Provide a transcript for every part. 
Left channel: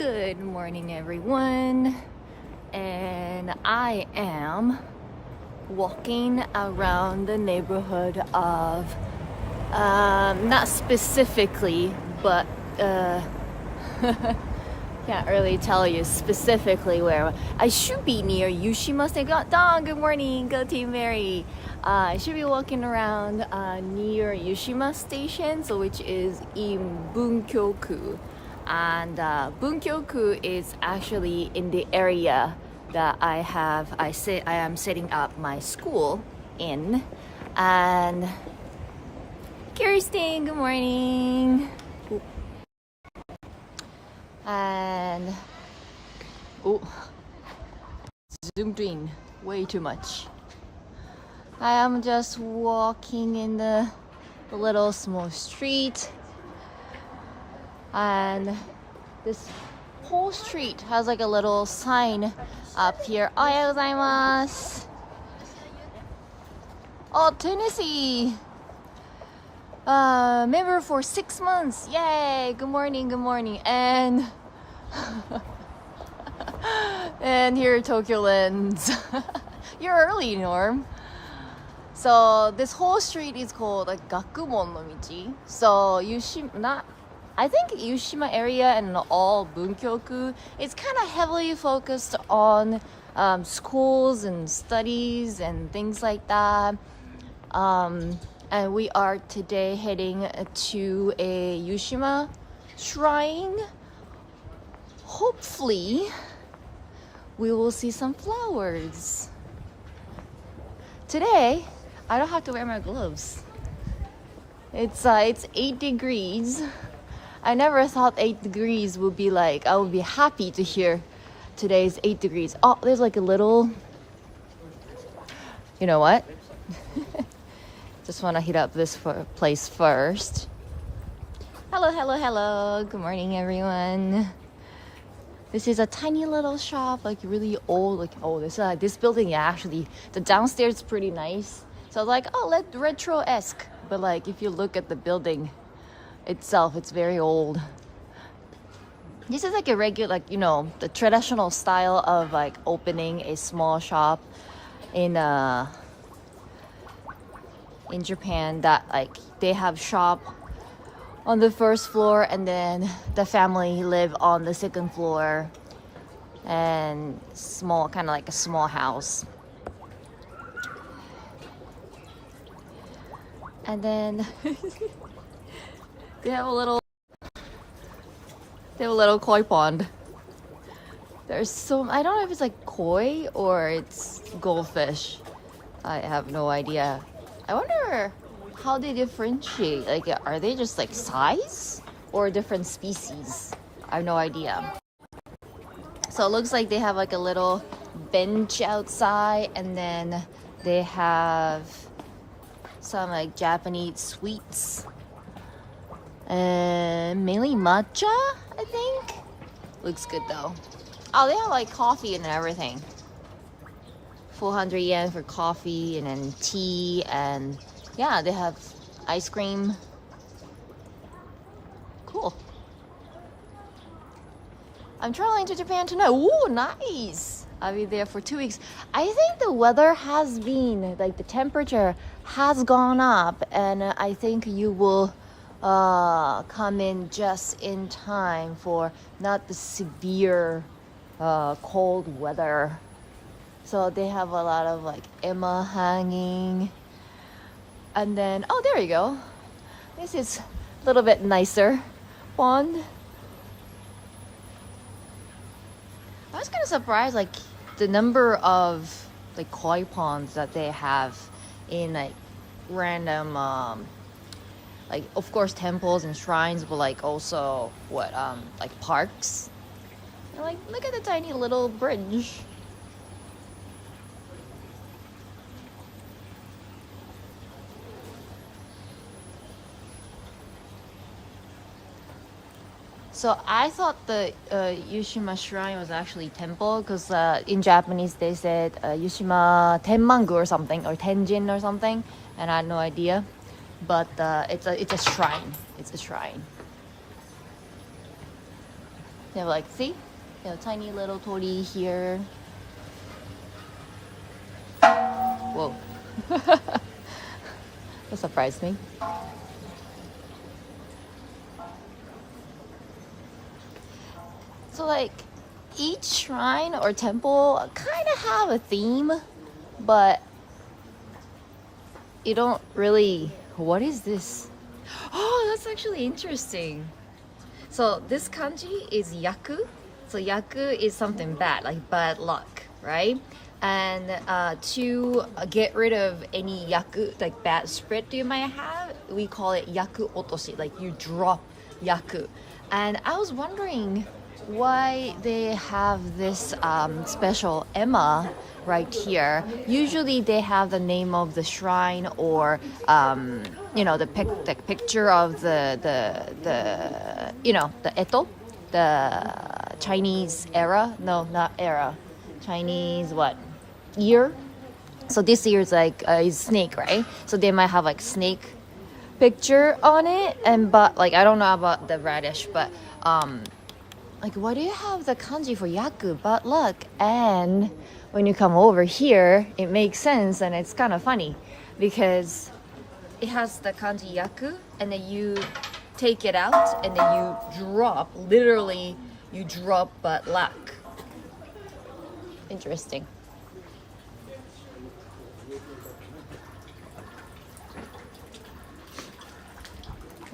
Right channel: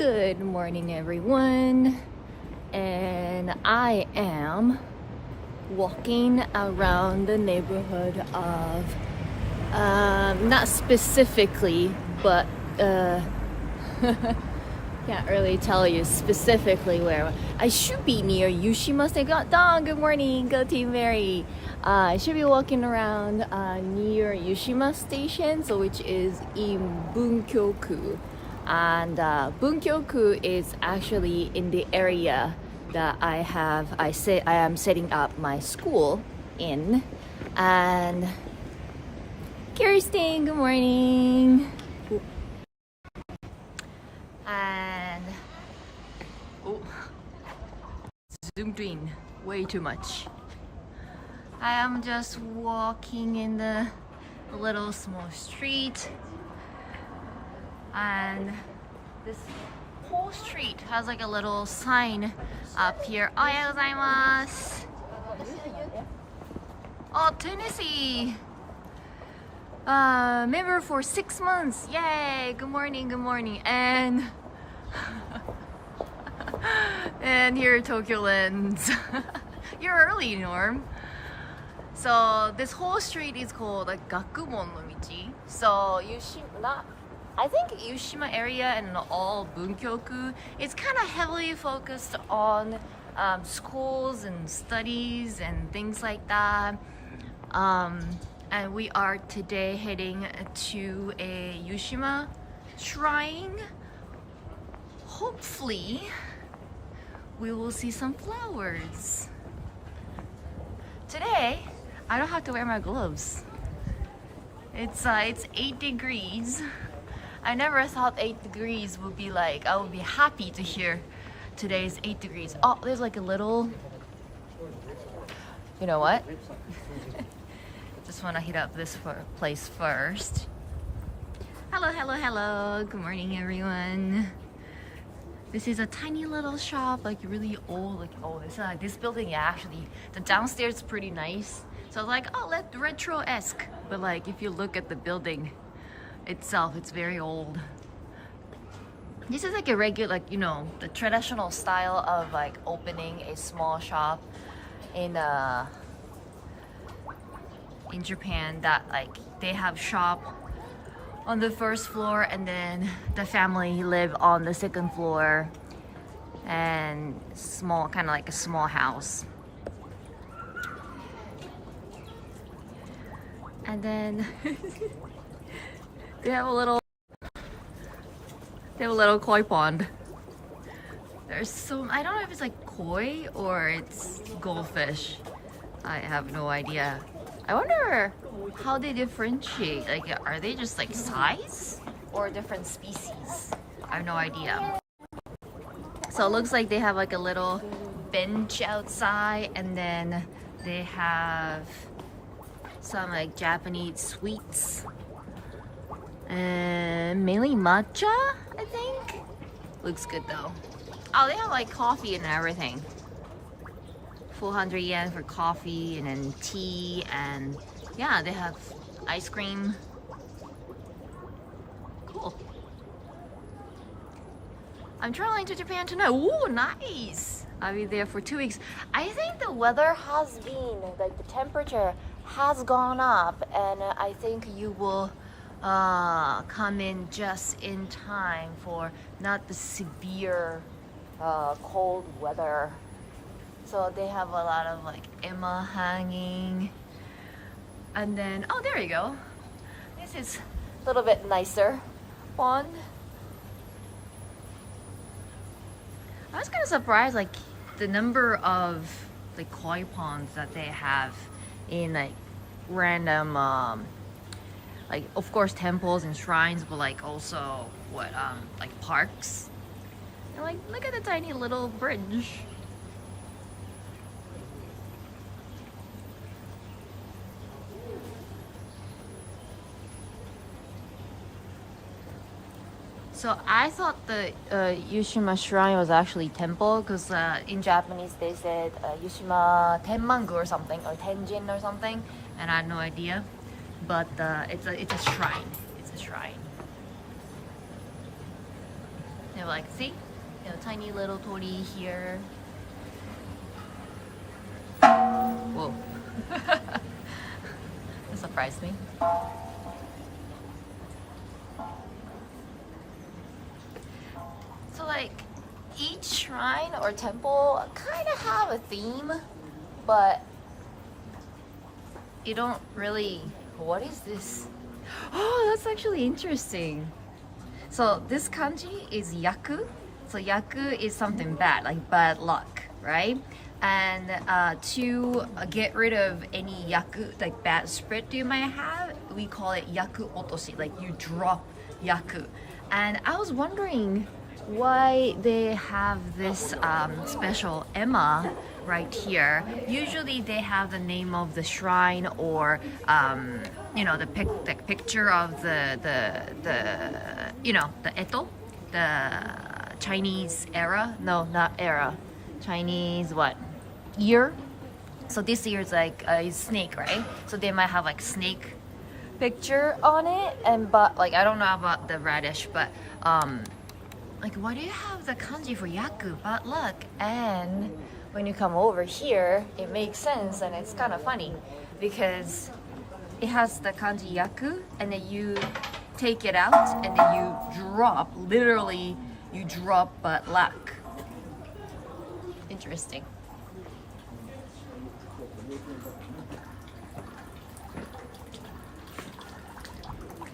Good morning, everyone. And I am walking around the neighborhood of, not specifically, but can't really tell you specifically where. I should be near Yushima State. Dawn, good morning. Go Team Mary. I should be walking around near Yushima Station, so which is in Bunkyoku. And Bunkyoku is actually in the area that I am setting up my school in. And Kirsten, good morning. And zoomed in way too much. I am just walking in the little small street, and this whole street has like a little sign up here. Ohayou gozaimasu. Oh, Tennessee. Member for 6 months. Yay! Good morning, good morning. And and here at Tokyo Lens. You're early, Norm. So this whole street is called like Gakumon no Michi. So I think Yushima area and all Bunkyoku is kind of heavily focused on schools and studies and things like that. And we are today heading to a Yushima shrine. Hopefully, we will see some flowers. Today, I don't have to wear my gloves. It's 8 degrees. I never thought 8 degrees would be like, I would be happy to hear today's 8 degrees. Oh, there's like a little, you know what? Just want to hit up this place first. Hello, hello, hello. Good morning, everyone. This is a tiny little shop, like really old. Like, oh, this building actually, the downstairs is pretty nice. So I was like, oh, retro-esque. But like, if you look at the building itself, it's very old. This is like a regular, like, you know, the traditional style of like opening a small shop in Japan, that like they have shop on the first floor and then the family live on the second floor, and small, kind of like a small house. And then they have a little koi pond. There's I don't know if it's like koi or it's goldfish. I have no idea. I wonder how they differentiate. Like, are they just like size or different species? I have no idea. So it looks like they have like a little bench outside, and then they have some like Japanese sweets, and mainly matcha, I think. Looks good though. Oh, they have like coffee and everything. 400 yen for coffee, and then tea, and yeah, they have ice cream. Cool. I'm traveling to Japan tonight. Ooh, nice. I'll be there for 2 weeks. I think the weather has been, like the temperature has gone up, and I think you will come in just in time for not the severe cold weather. So they have a lot of like Emma hanging. And then, oh, there you go. This is a little bit nicer pond. I was kind of surprised, like the number of like koi ponds that they have in like random, like of course temples and shrines, but like also what, like parks. And like, look at the tiny little bridge. So I thought the Yushima shrine was actually temple, because in Japanese they said Yushima Tenmangu or something, or Tenjin or something, and I had no idea. But it's a shrine. It's a shrine. You have like, see? You have a tiny little tori here. Whoa. That surprised me. So like each shrine or temple kind of have a theme, but you don't really... What is this? Oh, that's actually interesting. So this kanji is yaku. So yaku is something bad, like bad luck, right? And to get rid of any yaku, like bad spirit you might have, we call it yaku otoshi, like you drop yaku. And I was wondering why they have this special Emma right here. Usually they have the name of the shrine or you know, the picture of the you know, the Eto, the Chinese era. No, not era. Chinese what? Year. So this year is like is snake, right? So they might have like snake picture on it, and but like I don't know about the radish, but like why do you have the kanji for yaku, bad luck? And when you come over here, it makes sense, and it's kind of funny because it has the kanji yaku, and then you take it out, and then you drop, literally you drop bad luck. Interesting.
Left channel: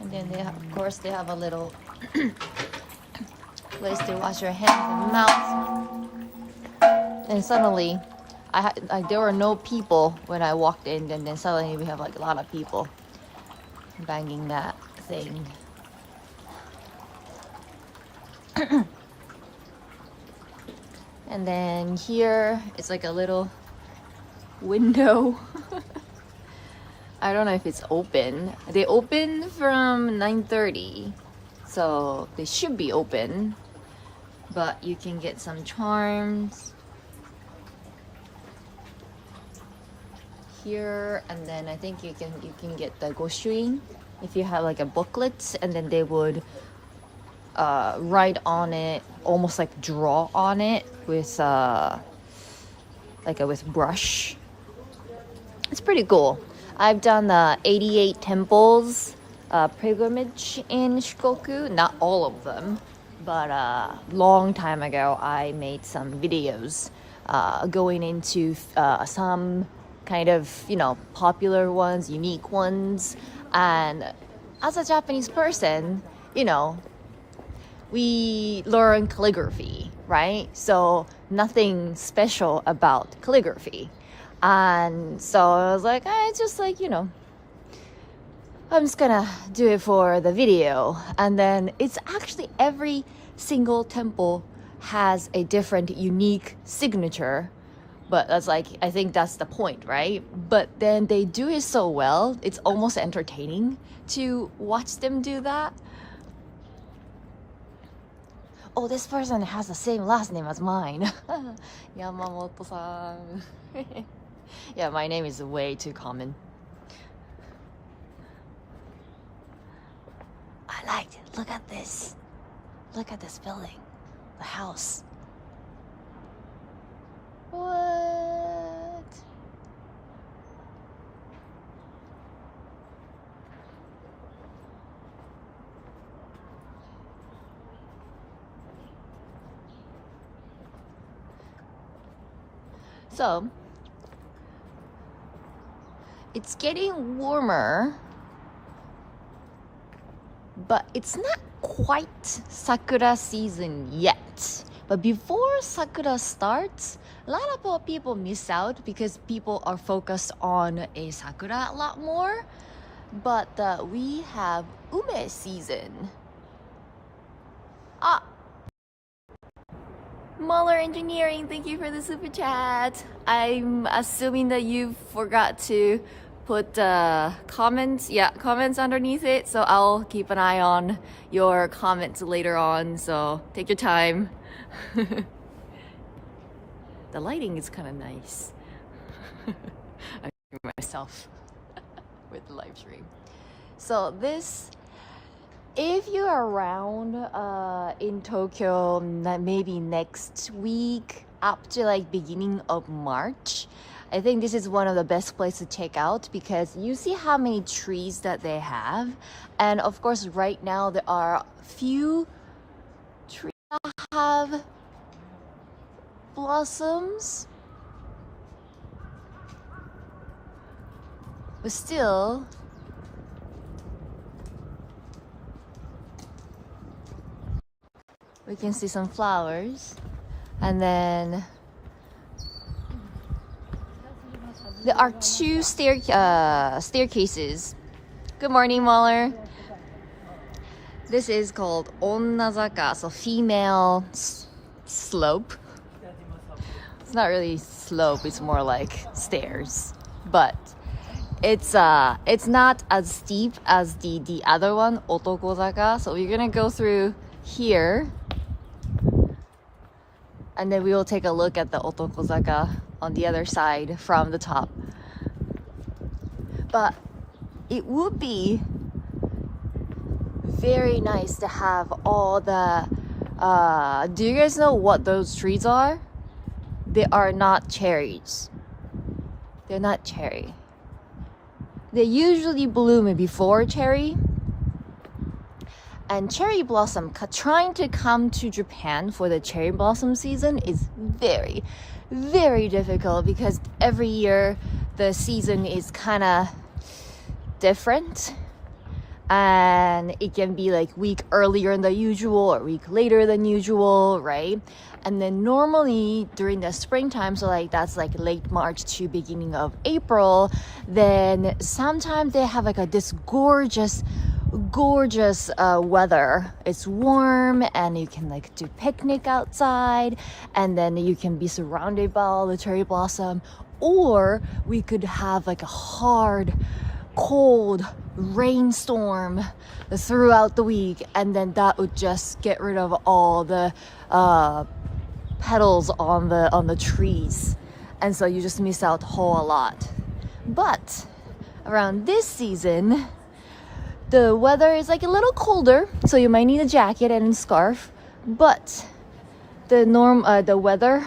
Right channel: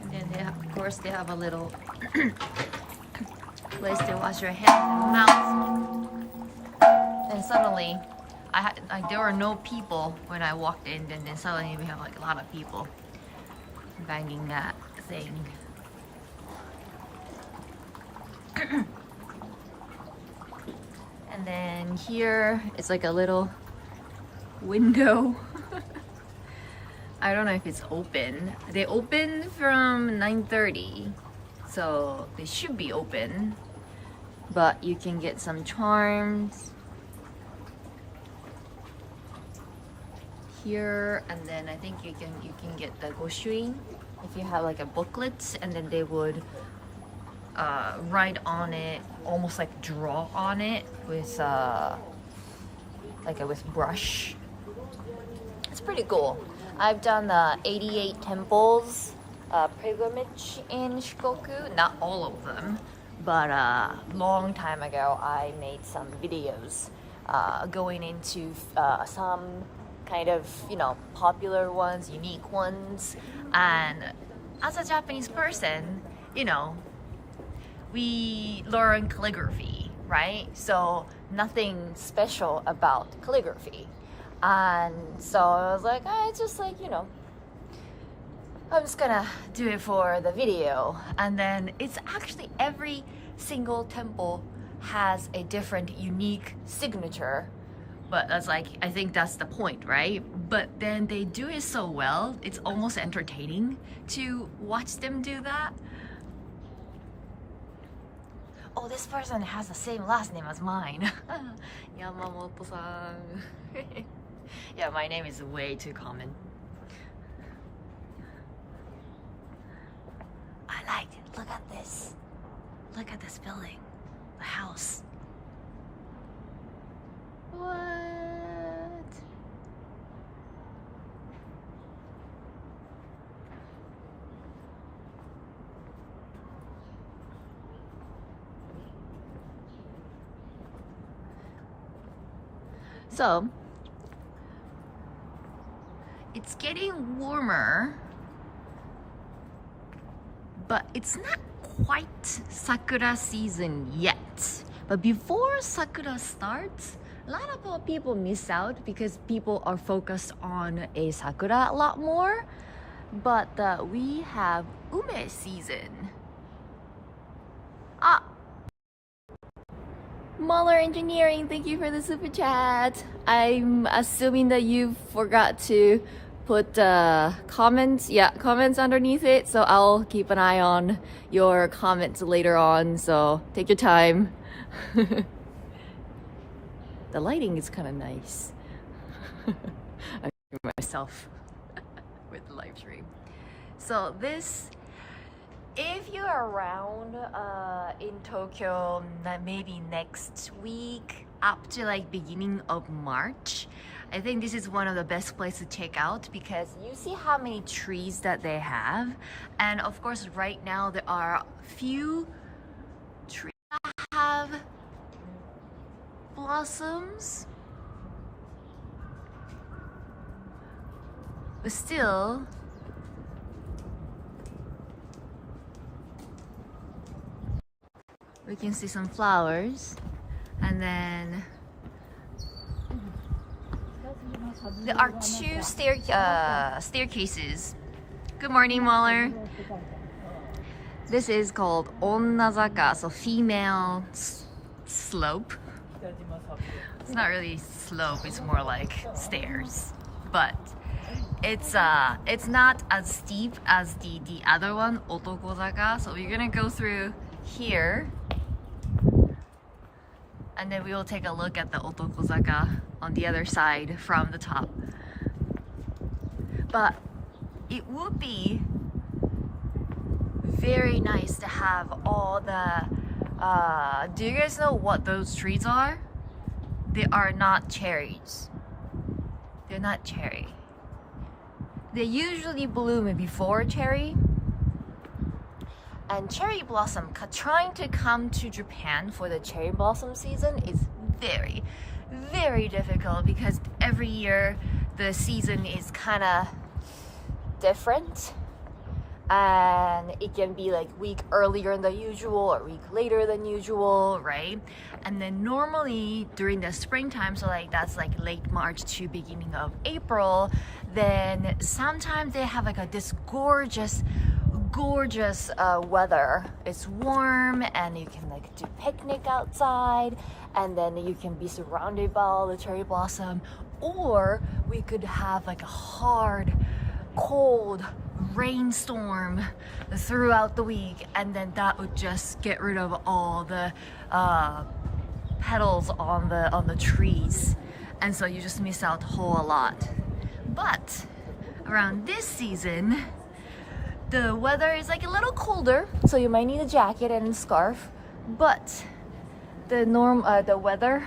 And then they have, of course they have a little place to wash your hands and mouth. And suddenly, there were no people when I walked in, and then suddenly we have like a lot of people banging that thing. And then here it's like a little window. I don't know if it's open. They open from 9:30, so they should be open. But you can get some charms here, and then I think you can get the goshuin if you have like a booklet, and then they would write on it, almost like draw on it with with brush. It's pretty cool. I've done the 88 temples pilgrimage in Shikoku. Not all of them, but long time ago I made some videos going into some kind of, you know, popular ones, unique ones. And as a Japanese person, you know, we learn calligraphy, right? So nothing special about calligraphy. And so I was like, it's just like, you know, I'm just gonna do it for the video. And then it's actually every single temple has a different unique signature, but that's like, I think that's the point, right? But then they do it so well, it's almost entertaining to watch them do that. Oh, this person has the same last name as mine. Yamamoto-san. Yeah, my name is way too common. I liked it. Look at this. Look at this building. The house. What? So, it's getting warmer, but it's not quite Sakura season yet. But before Sakura starts, a lot of people miss out because people are focused on a Sakura a lot more. But we have Ume season. Ah! Muller Engineering, thank you for the super chat. I'm assuming that you forgot to put comments, comments underneath it, so I'll keep an eye on your comments later on, so take your time. The lighting is kind of nice. I'm doing myself with the live stream. So this if you're around in Tokyo, maybe next week up to like beginning of March, I think this is one of the best places to check out because you see how many trees that they have. And of course, right now there are few trees that have blossoms. But still, we can see some flowers. And then there are two staircases. Good morning, Waller. This is called Onnazaka, so female slope. It's not really slope, it's more like stairs. But it's not as steep as the other one, Otokozaka. So we're gonna go through here. And then we will take a look at the Otokozaka on the other side from the top. But it would be very nice to have all the do you guys know what those trees are? They are not cherries. They're not cherry. They usually bloom before cherry. And cherry blossom, trying to come to Japan for the cherry blossom season is very, very difficult because every year the season is kind of different. And it can be like week earlier than usual or week later than usual, right? And then normally during the springtime, so like that's like late March to beginning of April, then sometimes they have like this gorgeous weather. It's warm and you can like do picnic outside and then you can be surrounded by all the cherry blossom, or we could have like a hard cold rainstorm throughout the week, and then that would just get rid of all the petals on the trees, and so you just miss out a whole lot. But around this season the weather is like a little colder, so you might need a jacket and a scarf, but the weather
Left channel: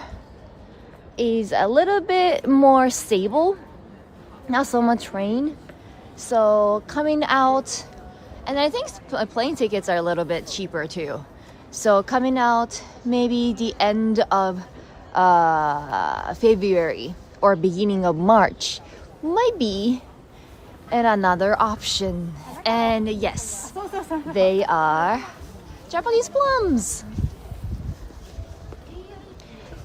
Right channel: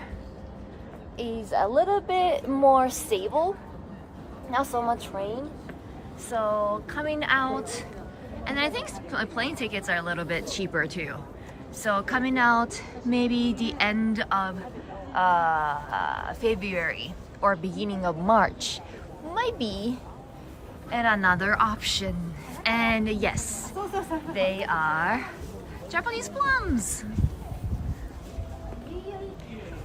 is a little bit more stable, not so much rain. So coming out, and I think plane tickets are a little bit cheaper too. So coming out maybe the end of February or beginning of March might be another option. And yes, they are Japanese plums.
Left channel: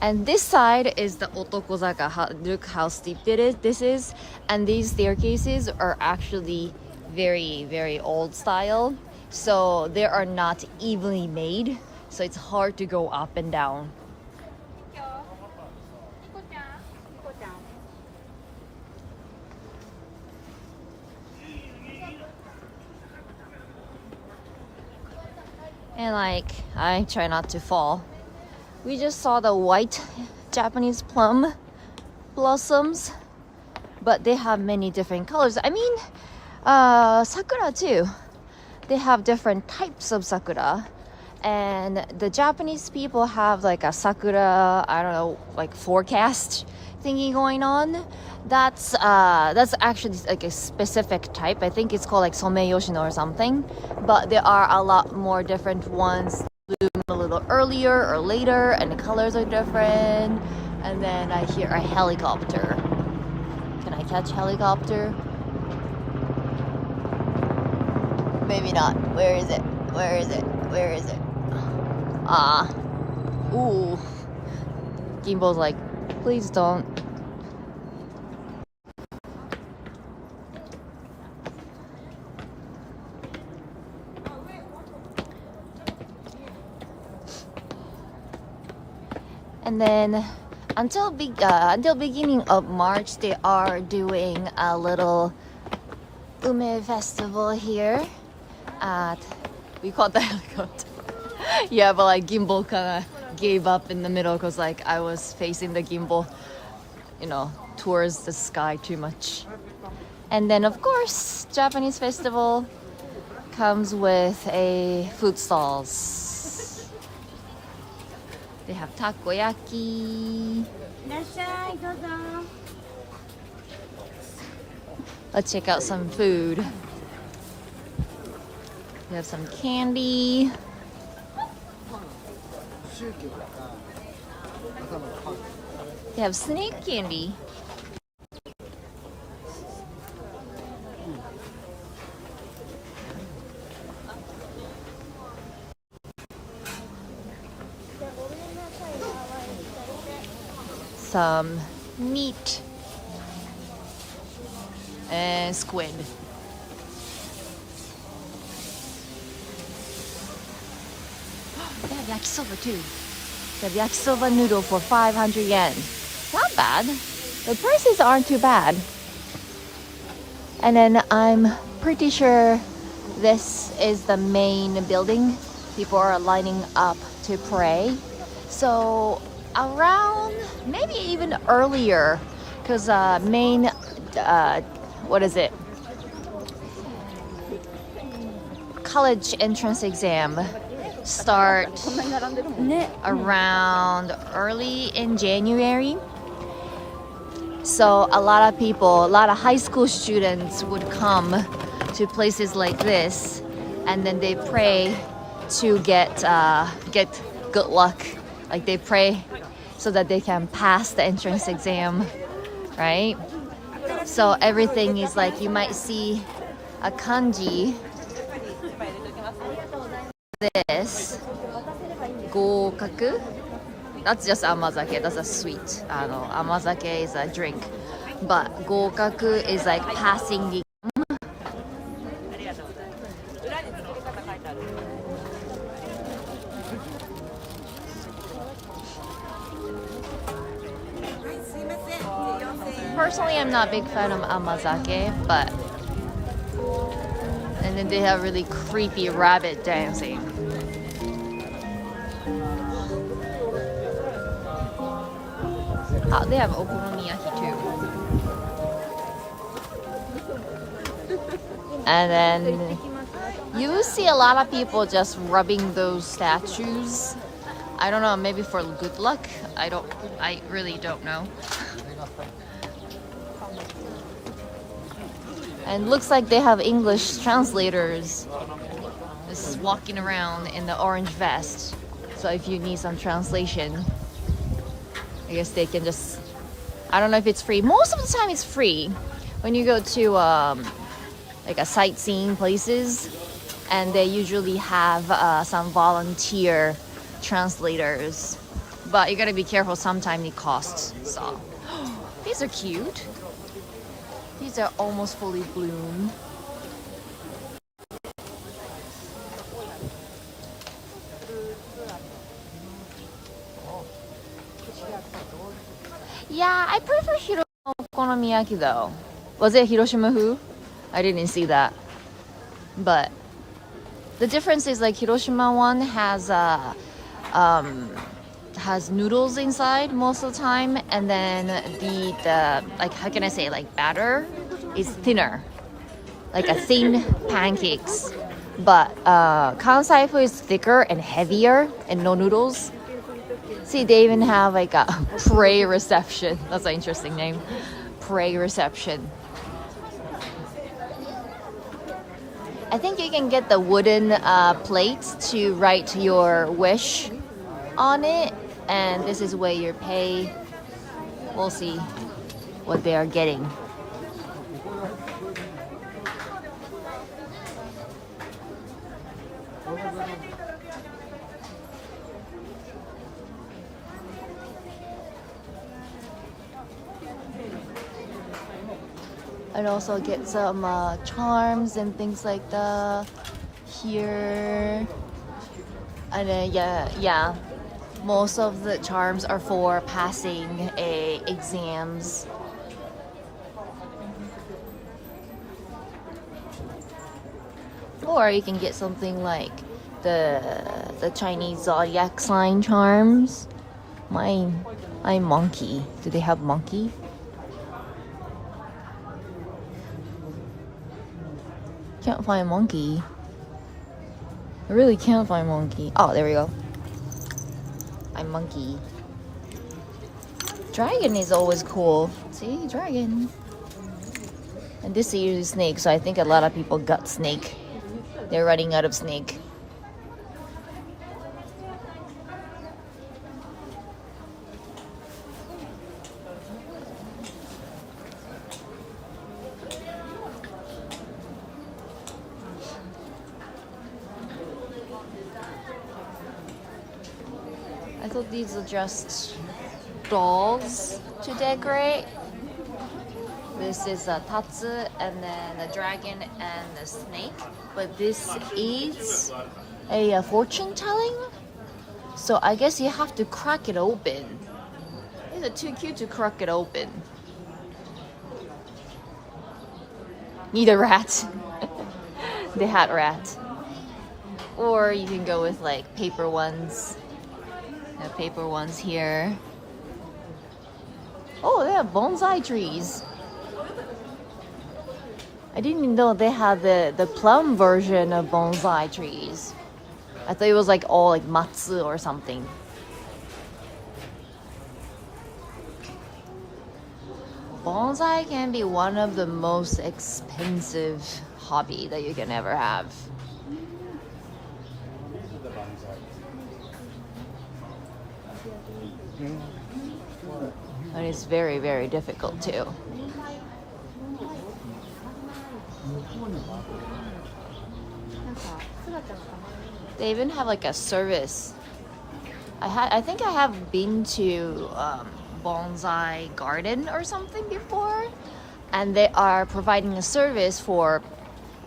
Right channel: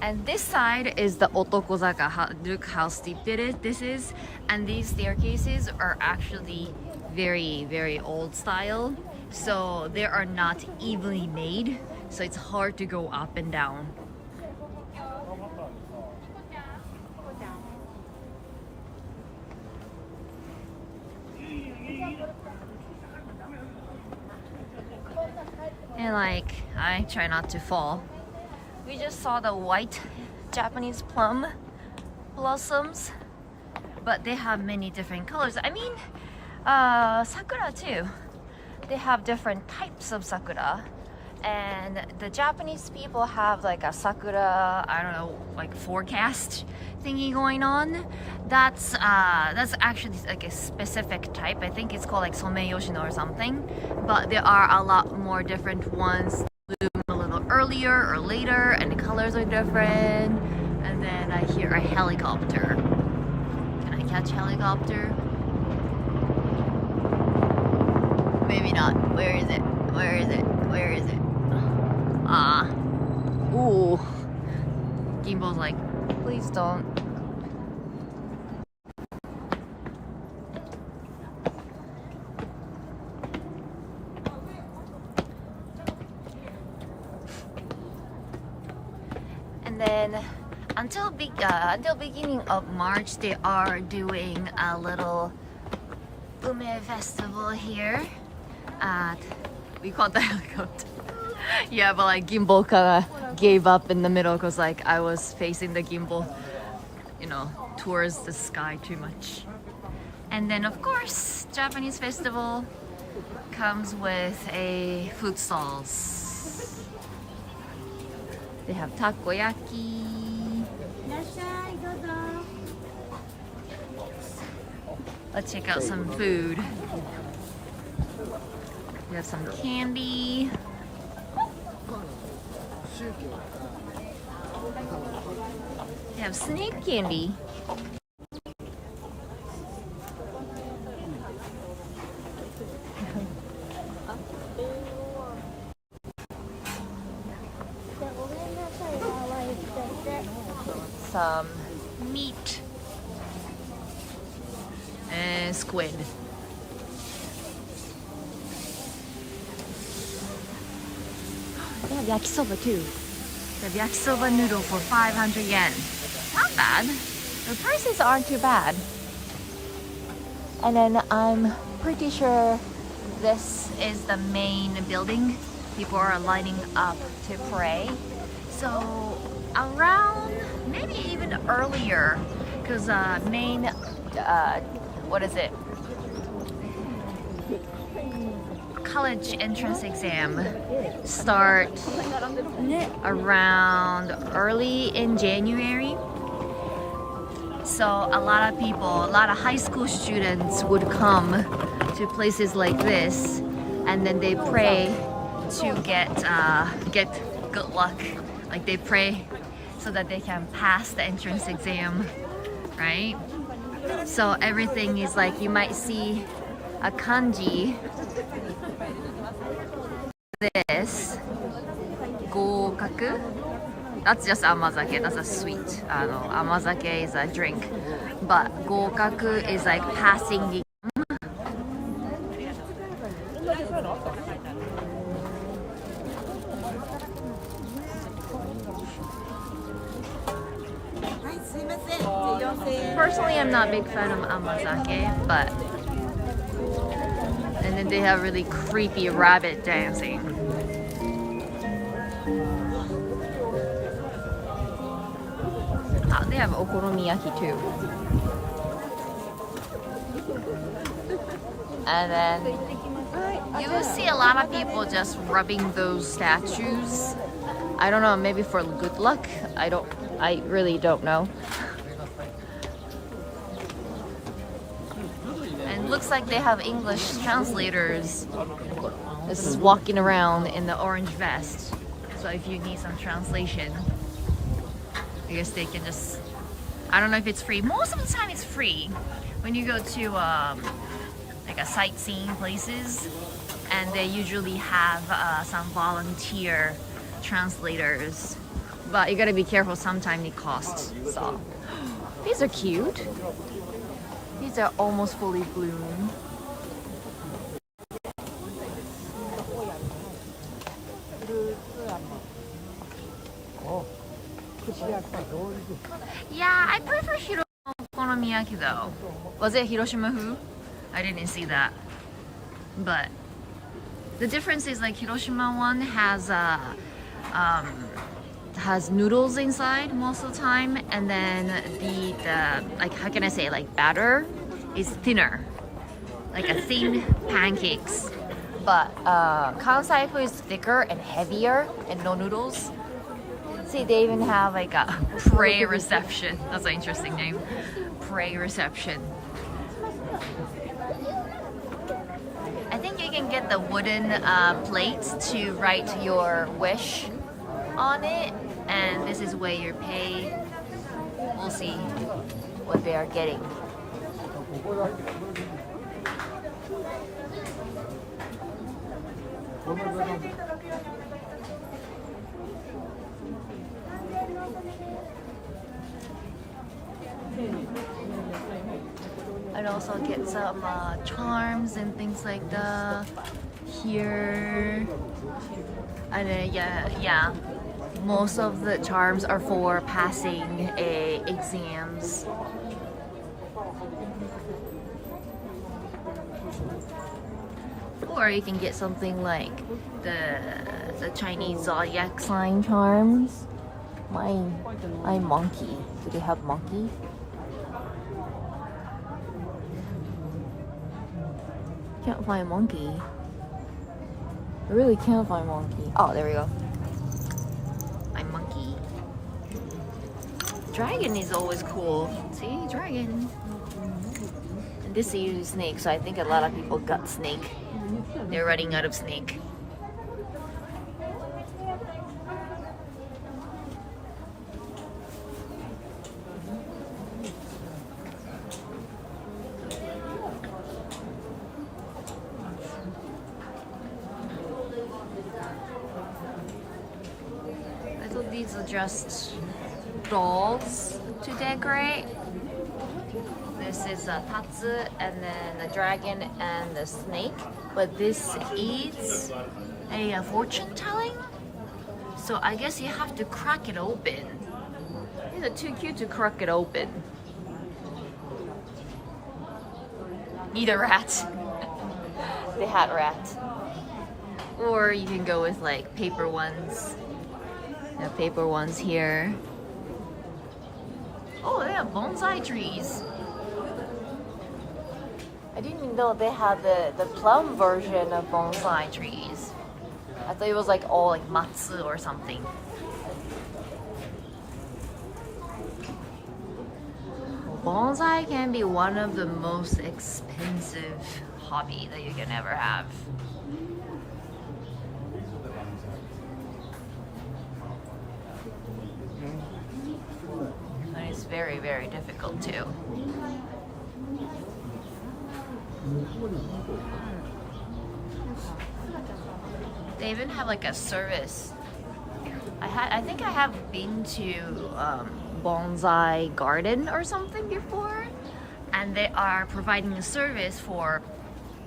And this side is the Otokozaka. Look how steep this is. And these staircases are actually very, very old style. So they are not evenly made. So it's hard to go up and down. And like, I try not to fall. We just saw the white Japanese plum blossoms, but they have many different colors. I mean, Sakura too. They have different types of Sakura. And the Japanese people have like a Sakura, I don't know, like forecast thingy going on. That's actually like a specific type. I think it's called like Someyoshino or something. But there are a lot more different ones. Bloom a little earlier or later, and the colors are different. And then I hear a helicopter. Can I catch helicopter? Maybe not. Where is it? Where is it? Where is it? Ah. Ooh. Gimbal's like, please don't. And then until beginning of March, they are doing a little Ume festival here at, we call it the helicopter. Yeah, but like gimbal kind of gave up in the middle because like I was facing the gimbal, you know, towards the sky too much. And then of course, Japanese festival comes with a food stalls. They have takoyaki. Let's check out some food. We have some candy. They have snake candy. Some meat and squid. They have yakisoba too. They have yakisoba noodle for 500 yen. Not bad. The prices aren't too bad. And then I'm pretty sure this is the main building. People are lining up to pray. So around, maybe even earlier, because main, what is it? College entrance exam start around early in January. So a lot of people, a lot of high school students would come to places like this, and then they pray to get good luck. Like they pray so that they can pass the entrance exam, right? So everything is like, you might see a kanji, this, gokaku. That's just amazake, that's a sweet. Amazake is a drink. But gokaku is like passing the Personally, I'm not a big fan of amazake, but and then they have really creepy rabbit dancing. They have okonomiyaki too. And then you see a lot of people just rubbing those statues. I don't know, maybe for good luck. I really don't know. And looks like they have English translators just walking around in the orange vest. So if you need some translation, I guess they can just, I don't know if it's free. Most of the time it's free when you go to like a sightseeing places, and they usually have some volunteer translators. But you gotta be careful, sometimes it costs. So these are cute. These are almost fully bloomed. Yeah, I prefer Hiroshima okonomiyaki though. Was it Hiroshima who? I didn't see that. But the difference is like Hiroshima one has noodles inside most of the time, and then the like, how can I say, like batter is thinner, like a thin pancakes. But Kansai food is thicker and heavier and no noodles. See, they even have like a pray reception. That's an interesting name. Pray reception. I think you can get the wooden plates to write your wish on it, and this is where you pay. We'll see what they are getting. And also get some charms and things like that here. And then yeah, most of the charms are for passing exams. Or you can get something like the Chinese zodiac sign charms. My monkey. Do they have monkey? Can't find monkey. I really can't find monkey. Oh, there we go. I'm monkey. Dragon is always cool. See, dragon. And this is snake, so I think a lot of people got snake. They're running out of snake. I thought these are just dolls to decorate. This is a tatsu, and then the dragon and the snake. But this is a fortune telling. So I guess you have to crack it open. These are too cute to crack it open. Need a rat. They had rat. Or you can go with like paper ones. The paper ones here. Oh, they have bonsai trees. I didn't even know they had the plum version of bonsai trees. I thought it was like all like matsu or something. Bonsai can be one of the most expensive hobby that you can ever have. And it's very, very difficult too. They even have like a service. I think I have been to bonsai garden or something before, and they are providing a service for,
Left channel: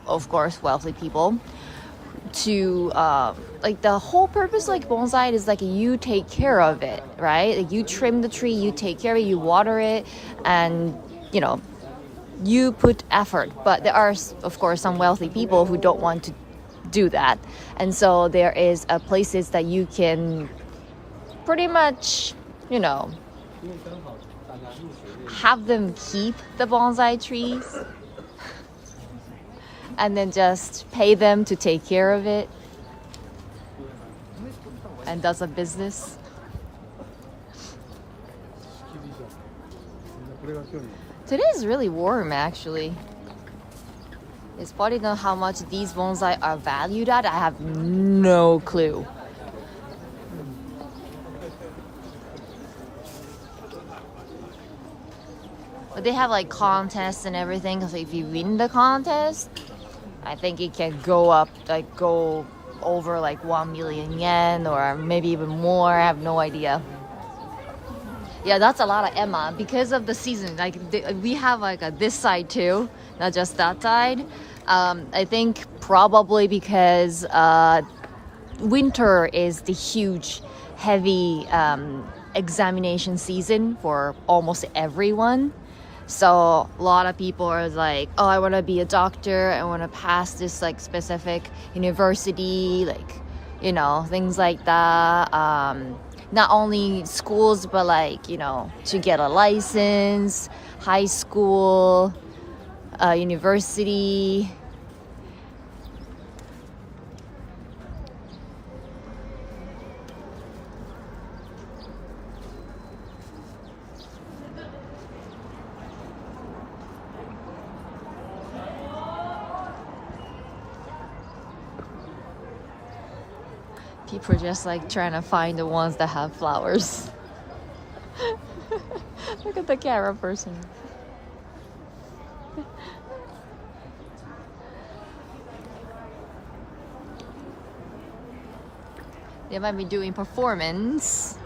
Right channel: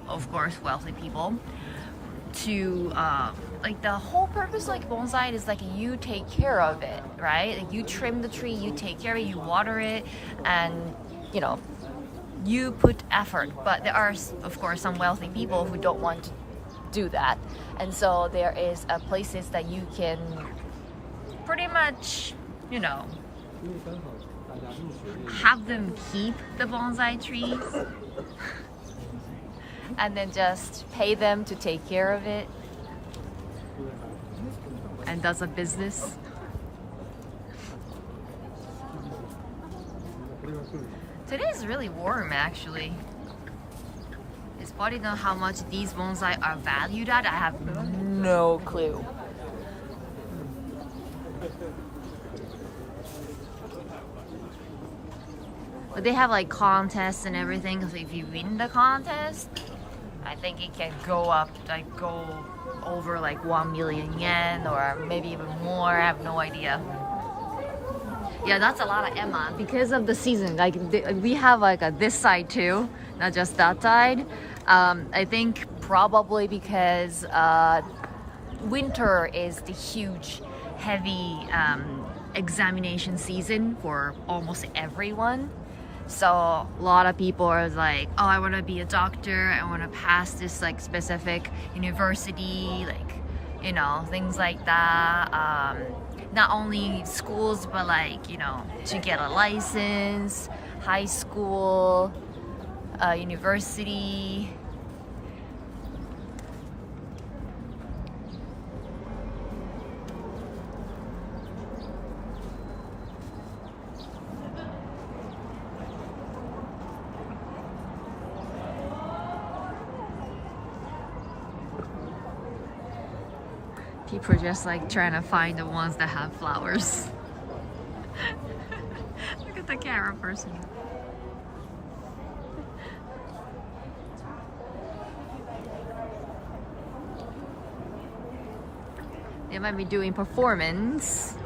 of course, wealthy people to like the whole purpose like bonsai is like you take care of it, right? Like you trim the tree, you take care of it, you water it, and you know, you put effort. But there are, of course, some wealthy people who don't want to do that, and so there is places that you can pretty much, you know, have them keep the bonsai trees and then just pay them to take care of it, and does a business. Today is really warm actually. It's probably know how much these bonsai are valued at. I have no clue. But they have like contests and everything, because if you win the contest, I think it can go up, like go over like 1 million yen or maybe even more. I have no idea. Yeah, that's a lot of Emma because of the season. Like we have like this side too, not just that side. I think probably because winter is the huge, heavy examination season for almost everyone. So a lot of people are like, oh, I want to be a doctor, I want to pass this like specific university, like, you know, things like that. Not only schools, but like, you know, to get a license, high school, university. People are just like trying to find the ones that have flowers. Look at the camera person. They might be doing performance.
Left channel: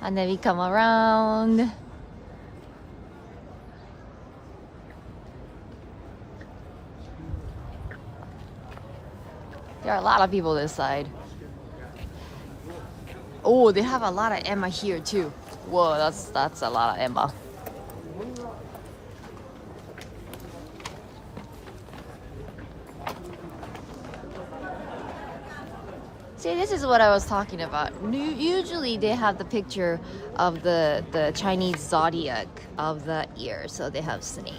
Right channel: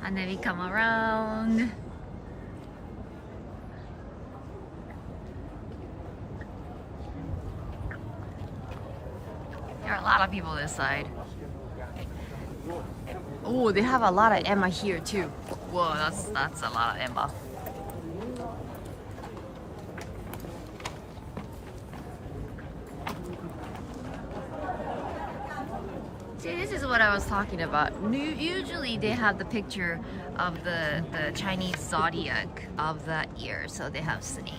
And then we come around. There are a lot of people this side. Oh, they have a lot of Emma here too. Whoa, that's a lot of Emma. See, this is what I was talking about. Usually they have the picture of the Chinese zodiac of the year. So they have snake.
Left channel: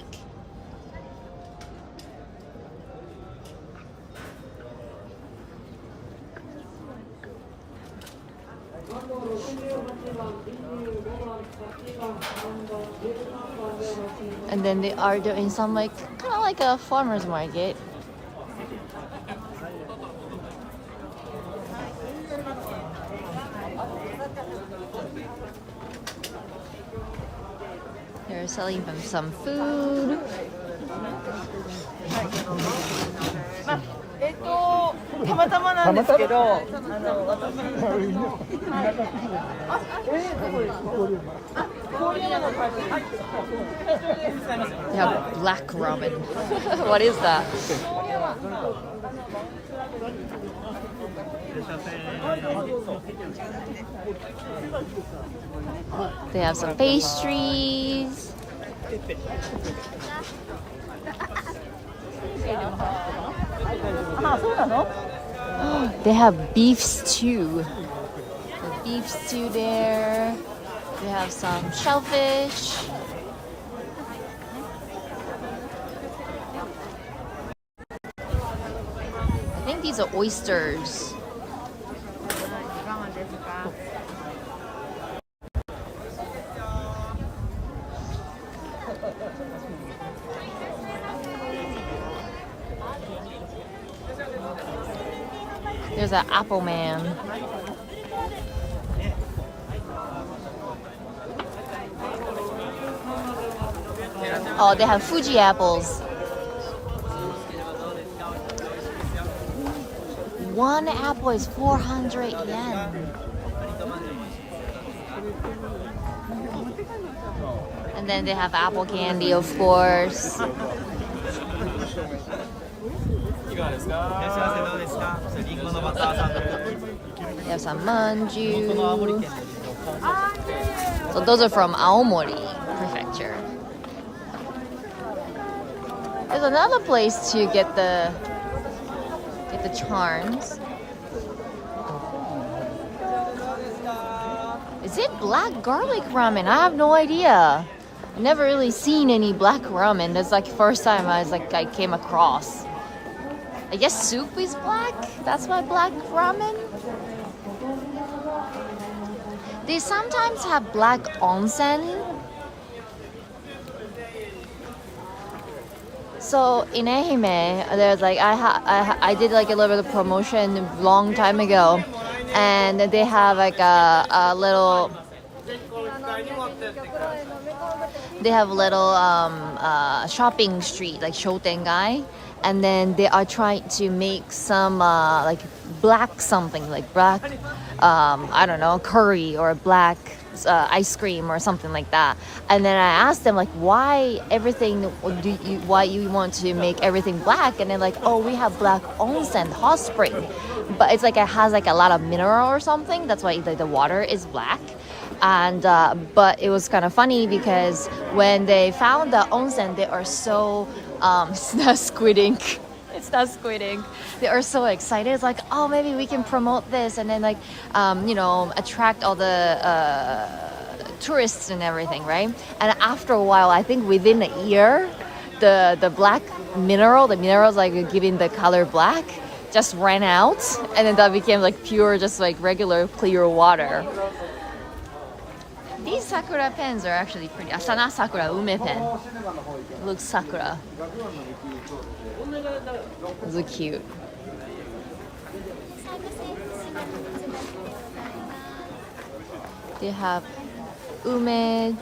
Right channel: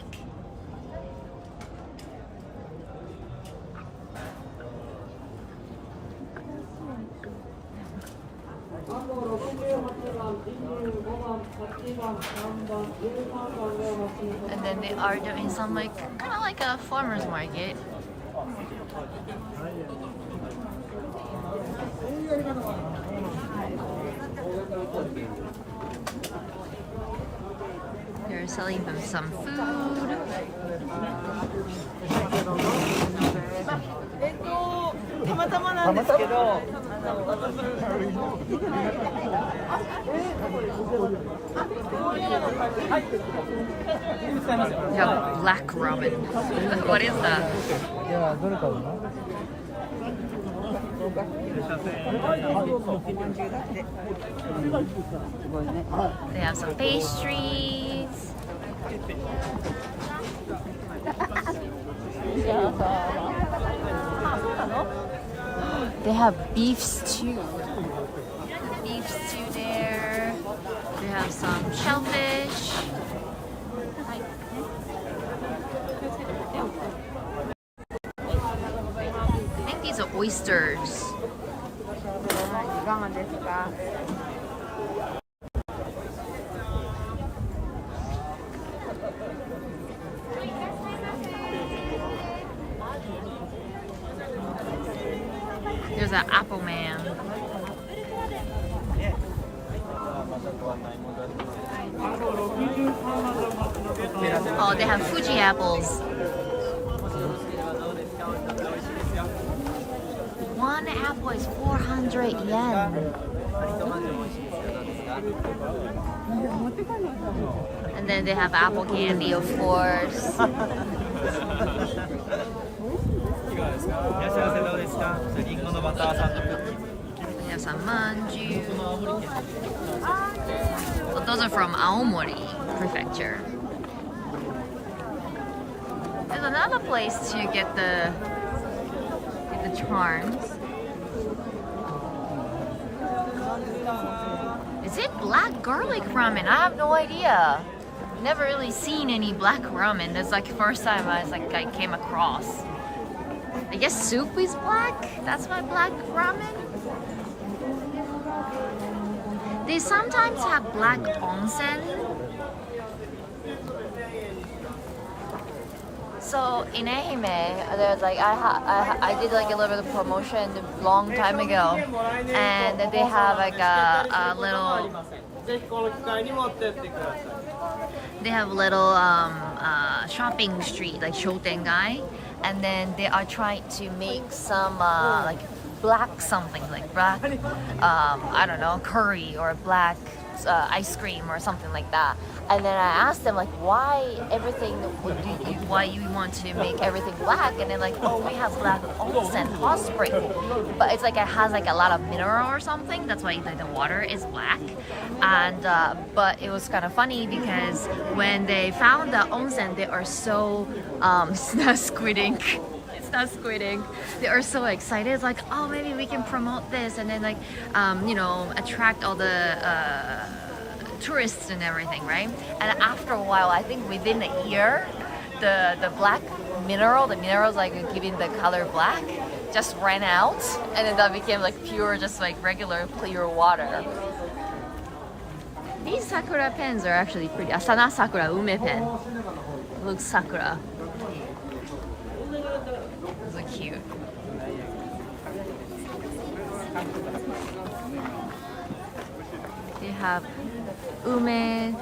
And then they are doing some like kind of like a farmer's market. They're selling them some food. They have black ramen. What is that? They have some pastries. They have beef stew. The beef stew there. They have some shellfish. I think these are oysters. There's an apple man. Oh, they have Fuji apples. One apple is 400 yen. And then they have apple candy, of course. They have some manju. So those are from Aomori Prefecture. There's another place to get the charms. Is it black garlic ramen? I have no idea. Never really seen any black ramen. That's like the first time I came across. I guess soup is black. That's why black ramen. They sometimes have black onsen. So in Ehime, there's like I did like a little bit of promotion a long time ago, and they have like a little. They have a little shopping street like Shotengai, and then they are trying to make some like black something like black I don't know, curry or black ice cream or something like that. And then I asked them like why you want to make everything black, and they're like, oh, we have black onsen hot spring, but it's like it has like a lot of mineral or something, that's why the water is black. And but it was kind of funny because when they found the onsen, they are so not squid ink. It's not squid ink. They are so excited. It's like, oh, maybe we can promote this and then like you know, attract all the tourists and everything, right? And after a while, I think within a year, the black mineral, the minerals like giving the color black, just ran out, and then that became like pure, just like regular clear water. These Sakura pens are actually pretty. Asana Sakura Ume pen. It looks Sakura. Those are cute. They have ume,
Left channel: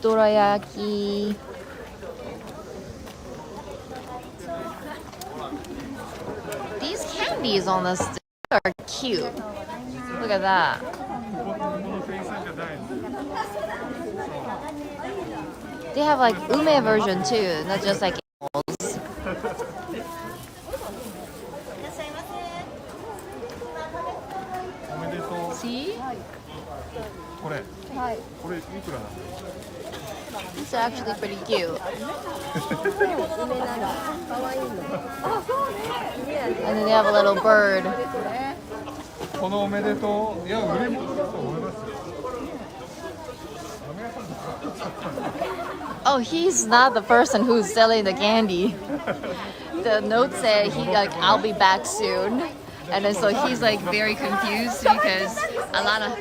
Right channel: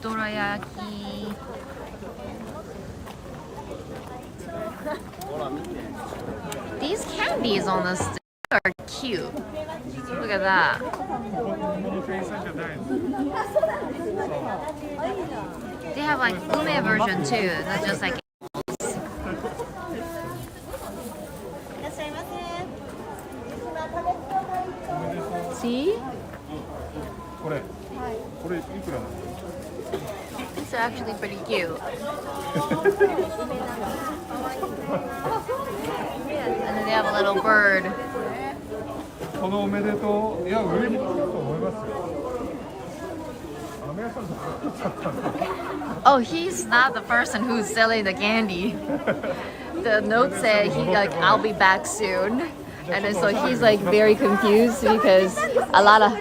dorayaki. These candies on the stick are cute. Look at that. They have like ume version too, not just like apples. See? These are actually pretty cute. And then they have a little bird. Oh, he's not the person who's selling the candy. The note said he like, I'll be back soon. And then so he's like very confused because a lot of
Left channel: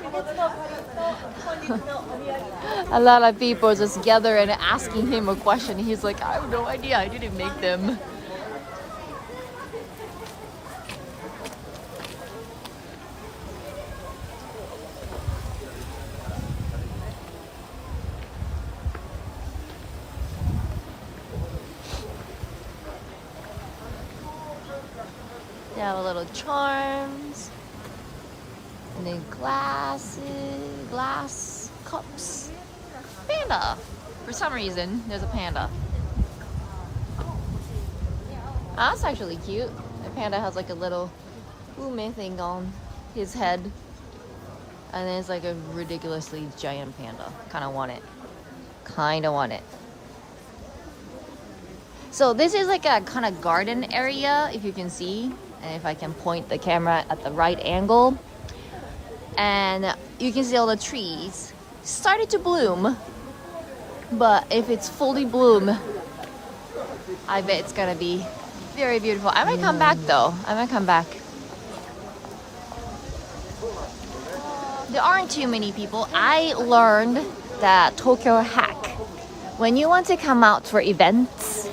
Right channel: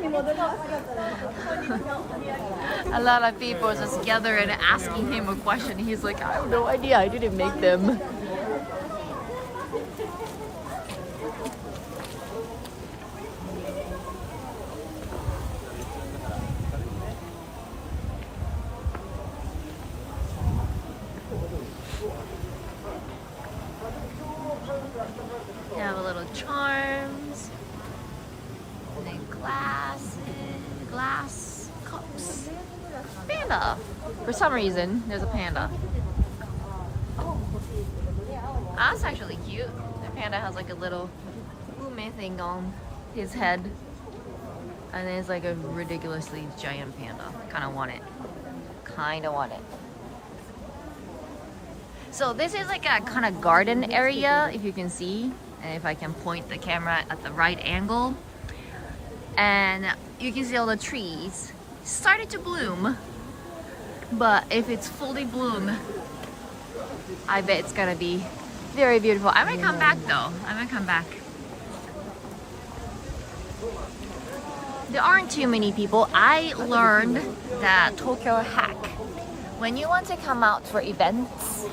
A lot of people just gather and asking him a question. He's like, I have no idea, I didn't make them. They have a little charms, and then glasses, glass cups. Panda. For some reason, there's a panda. Ah, that's actually cute. The panda has like a little ume thing on his head, and then it's like a ridiculously giant panda. Kind of want it. Kind of want it. So this is like a kind of garden area, if you can see. And if I can point the camera at the right angle, and you can see all the trees started to bloom, but if it's fully bloom, I bet it's gonna be very beautiful. I might come back though. I might come back. There aren't too many people. I learned that Tokyo hack, when you want to come out for events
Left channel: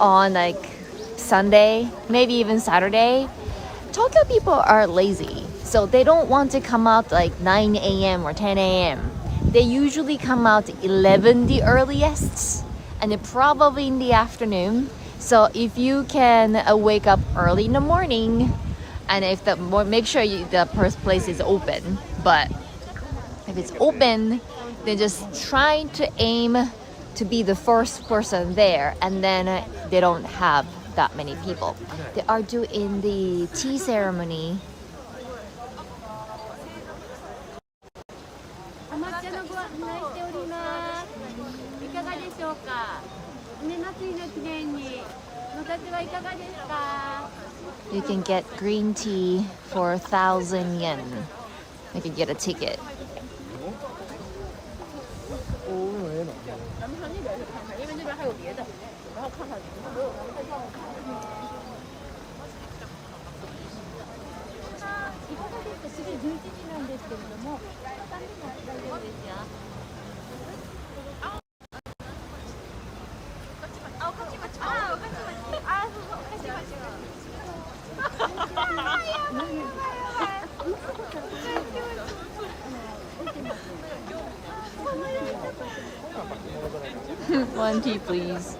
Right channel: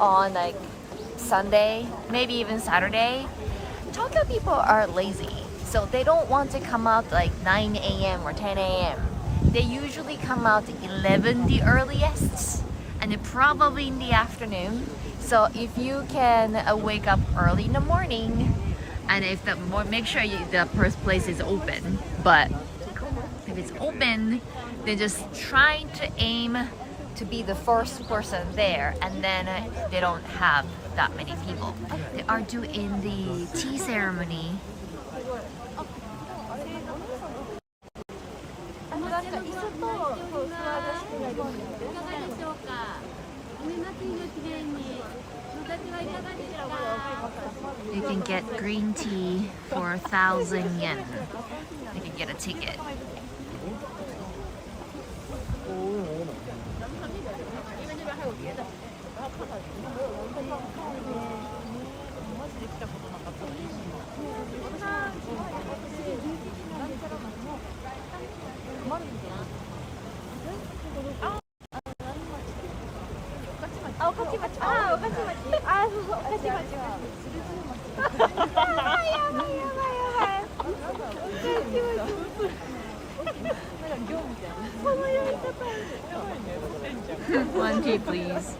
on like Sunday, maybe even Saturday, Tokyo people are lazy, so they don't want to come out like 9 a.m. or 10 a.m. They usually come out 11 the earliest, and then probably in the afternoon. So if you can wake up early in the morning, and if the make sure the first place is open. But if it's open, then just try to aim to be the first person there, and then they don't have that many people. They are doing the tea ceremony. You can get green tea for 1,000 yen. You can get a ticket. One tea, please.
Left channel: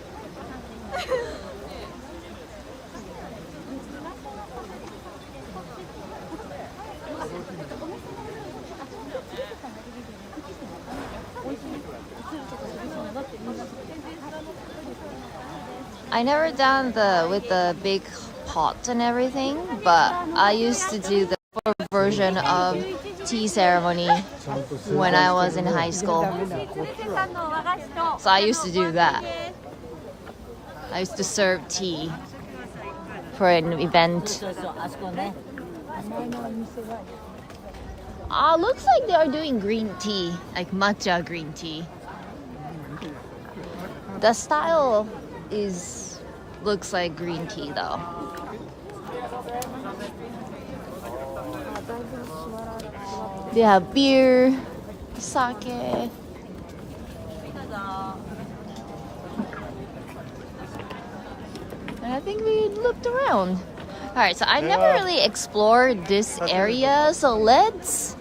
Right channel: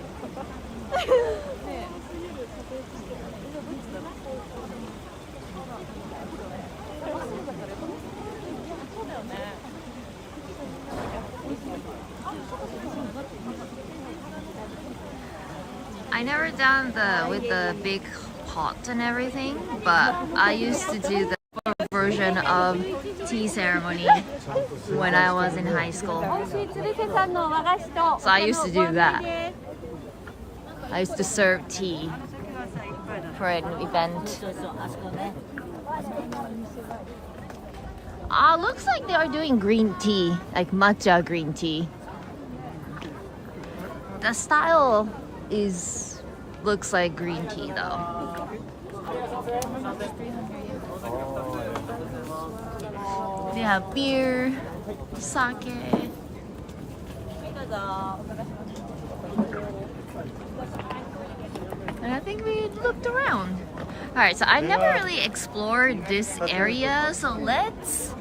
I never done with the big pot and everything, but I used to do the version of tea ceremony when I was in high school. So I used to do that. I used to serve tea for an event. Looks like they are doing green tea, like matcha green tea. The style looks like green tea though. They have beer, sake. And I think we looked around. Alright, so I never really explored this area, so let's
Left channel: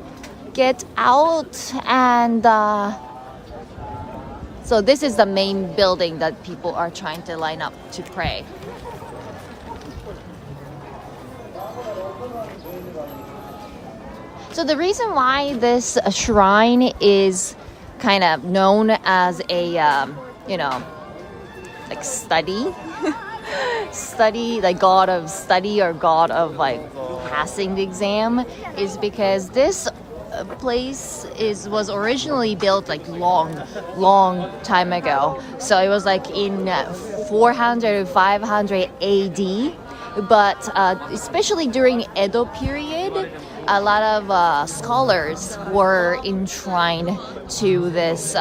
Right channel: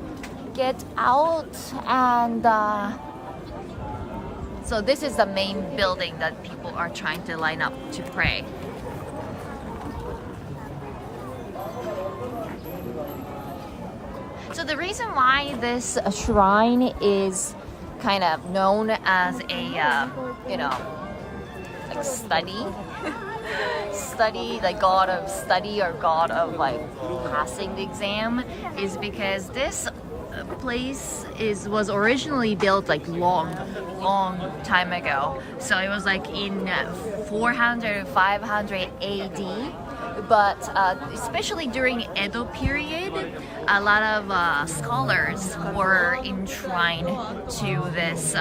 get out and so this is the main building that people are trying to line up to pray. So the reason why this shrine is kind of known as a, you know, like study, like god of study or god of like passing the exam, is because this place was originally built like long time ago. So it was like in 400 500 AD, but especially during Edo period, a lot of scholars were enshrined to this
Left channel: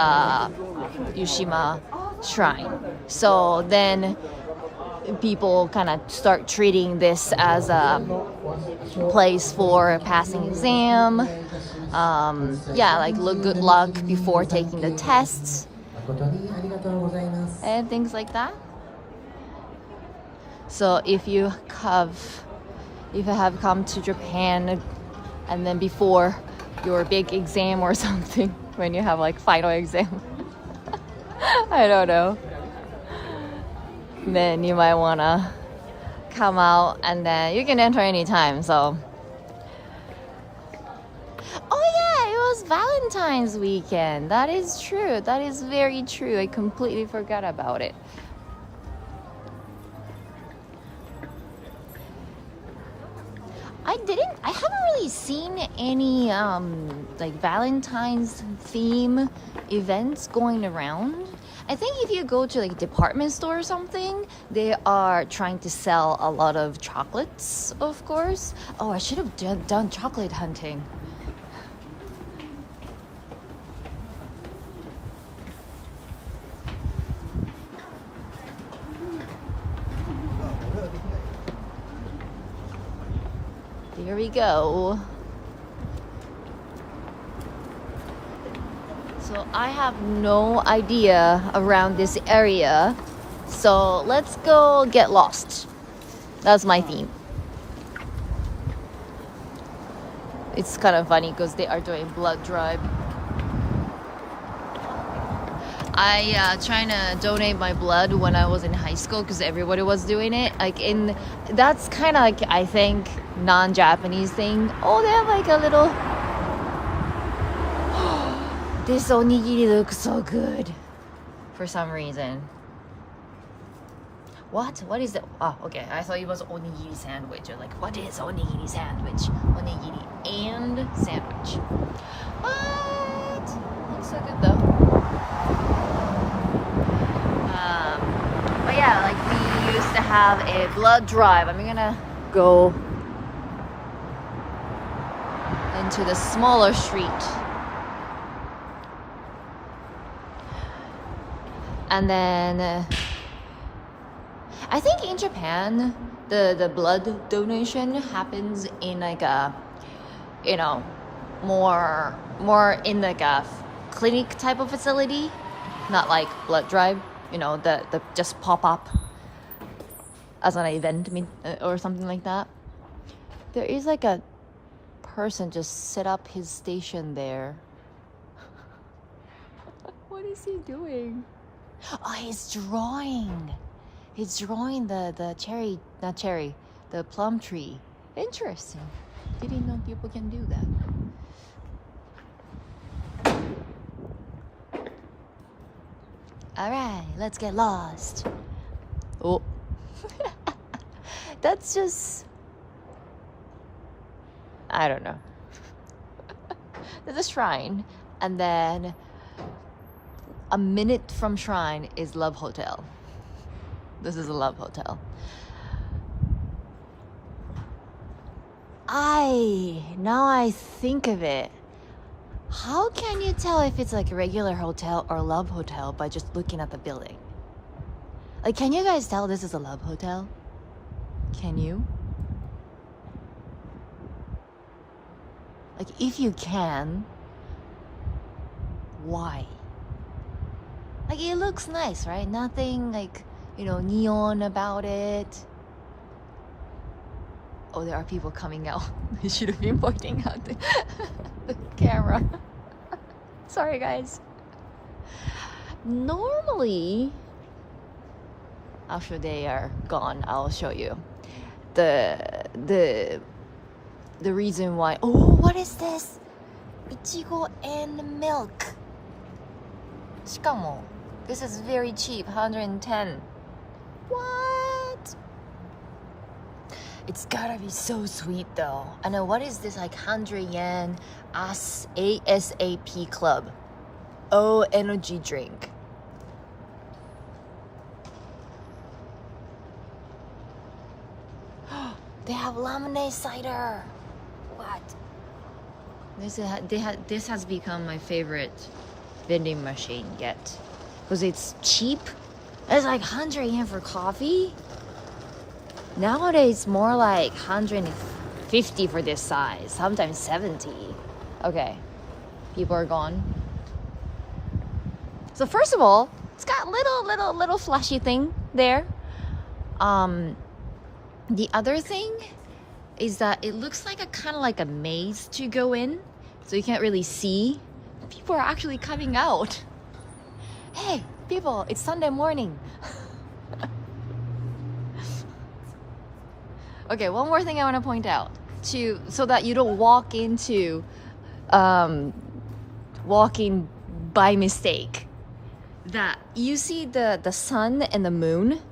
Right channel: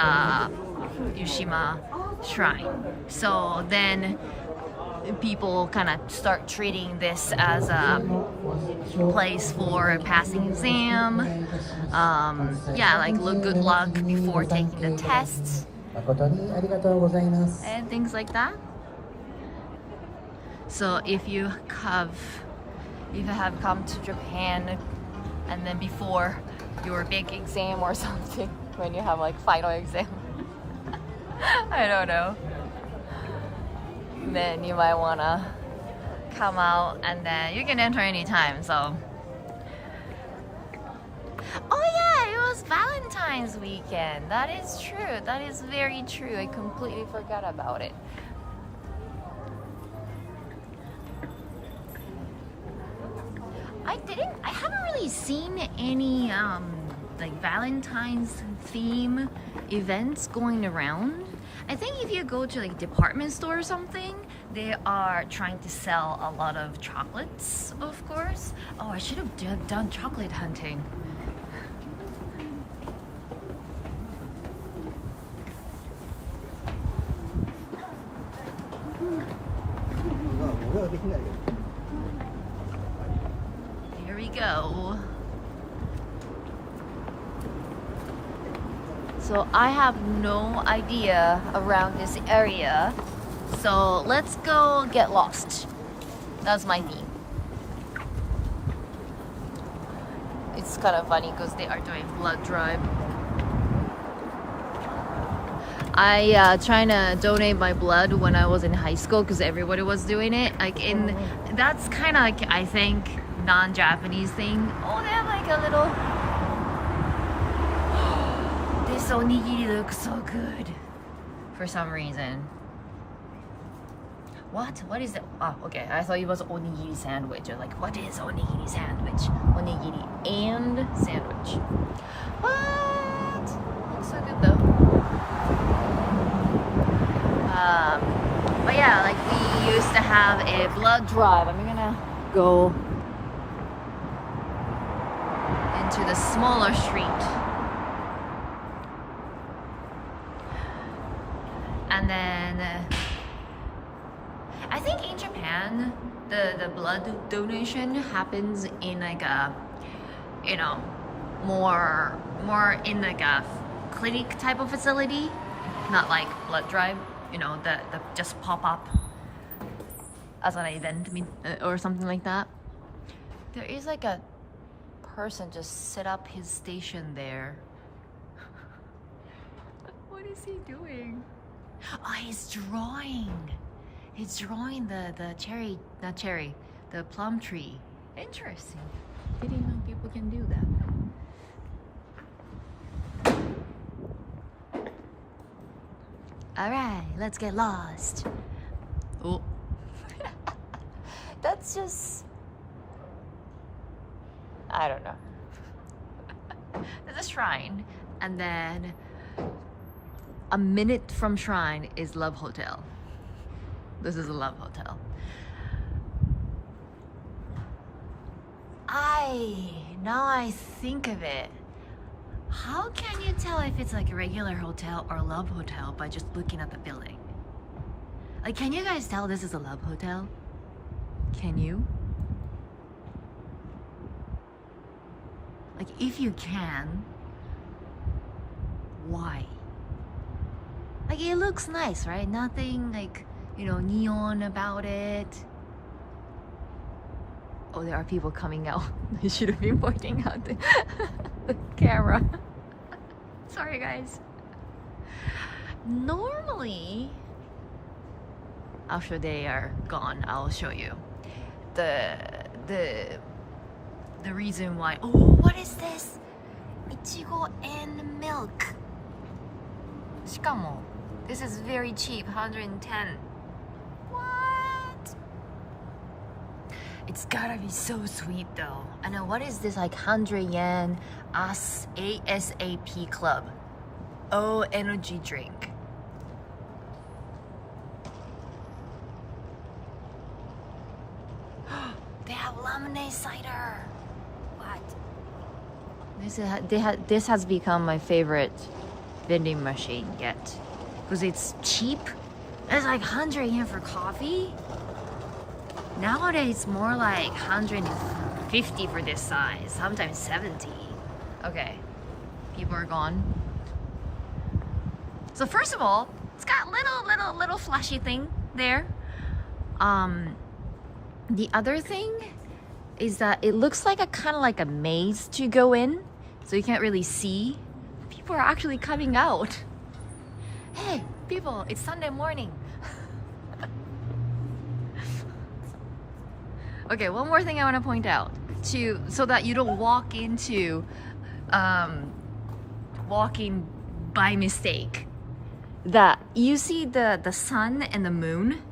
Yushima shrine. So then people kind of start treating this as a place for passing exam. Yeah, like good luck before taking the tests and things like that. So if you have come to Japan and then before your big exam or something, when you have like final exam, I don't know, then you might wanna come out, and then you can enter anytime. So oh yeah, it was Valentine's weekend. That is true. That is very true. I completely forgot about it. I haven't really seen any like Valentine's theme events going around. I think if you go to like department store or something, they are trying to sell a lot of chocolates, of course. Oh, I should have done chocolate hunting. Here we go. So I have no idea around this area. So let's go get lost. That's my theme. It's kind of funny because they are doing blood drive. I trying to donate my blood when I was in high school because everybody was doing it. That's kind of like, I think, non-Japanese thing. Oh, they have like a little. This onigiri looks so good for some reason. What? What is that? Oh, okay. I thought it was onigiri sandwich. Or like, what is onigiri sandwich? Onigiri and sandwich. What? Looks so good though. But yeah, like we used to have a blood drive. I'm gonna go into the smaller street. And then I think in Japan the blood donation happens in like a, you know, more in like a clinic type of facility, not like blood drive, you know, the just pop up as an event or something like that. There is like a person just set up his station there. What is he doing? Oh, he's drawing. He's drawing the plum tree. Interesting. Didn't know people can do that. All right, let's get lost. Oh, that's just, I don't know. There's a shrine, and then a minute from shrine is Love Hotel. This is a Love Hotel. Now I think of it, how can you tell if it's like a regular hotel or Love Hotel by just looking at the building? Like, can you guys tell this is a Love Hotel? Can you? Like, if you can, why? Like, it looks nice, right? Nothing like, you know, neon about it. Oh, there are people coming out. I should have been pointing out the camera. Sorry, guys. Normally, after they are gone, I'll show you the reason why. Oh, what is this? Ichigo and milk. しかも this is very cheap, 110. What? It's gotta be so sweet though. I know, what is this, like 100 yen ASAP club? Oh, energy drink. They have lemonade cider. What? This has become my favorite vending machine yet, because it's cheap. It's like 100 yen for coffee. Nowadays, more like 150 for this size, sometimes 70. Okay, people are gone. So first of all, it's got little flashy thing there. The other thing is that it looks like a kind of like a maze to go in, so you can't really see. People are actually coming out. Hey, people, it's Sunday morning. Okay, one more thing I want to point out so that you don't walk into walking by mistake. That you see the sun and the moon,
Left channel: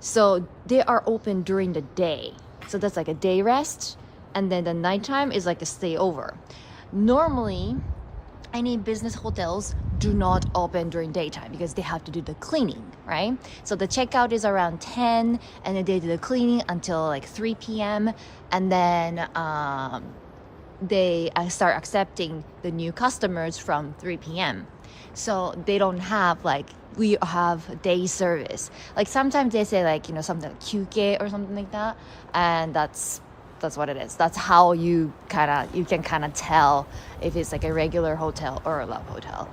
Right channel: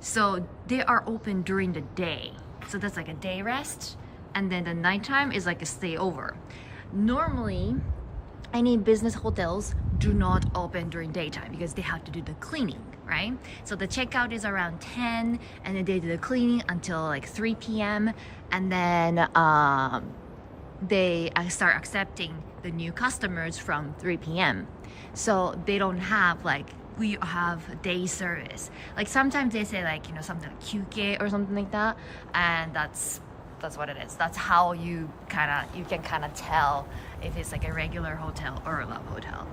so they are open during the day. So that's like a day rest, and then the nighttime is like a stay over. Normally, any business hotels do not open during daytime because they have to do the cleaning, right? So the checkout is around 10, and then they do the cleaning until like 3 p.m. and then they start accepting the new customers from 3 p.m. So they don't have like, we have day service. Like sometimes they say like, you know, something like kyuke or something like that, and that's what it is. That's how you can kind of tell if it's like a regular hotel or a love hotel.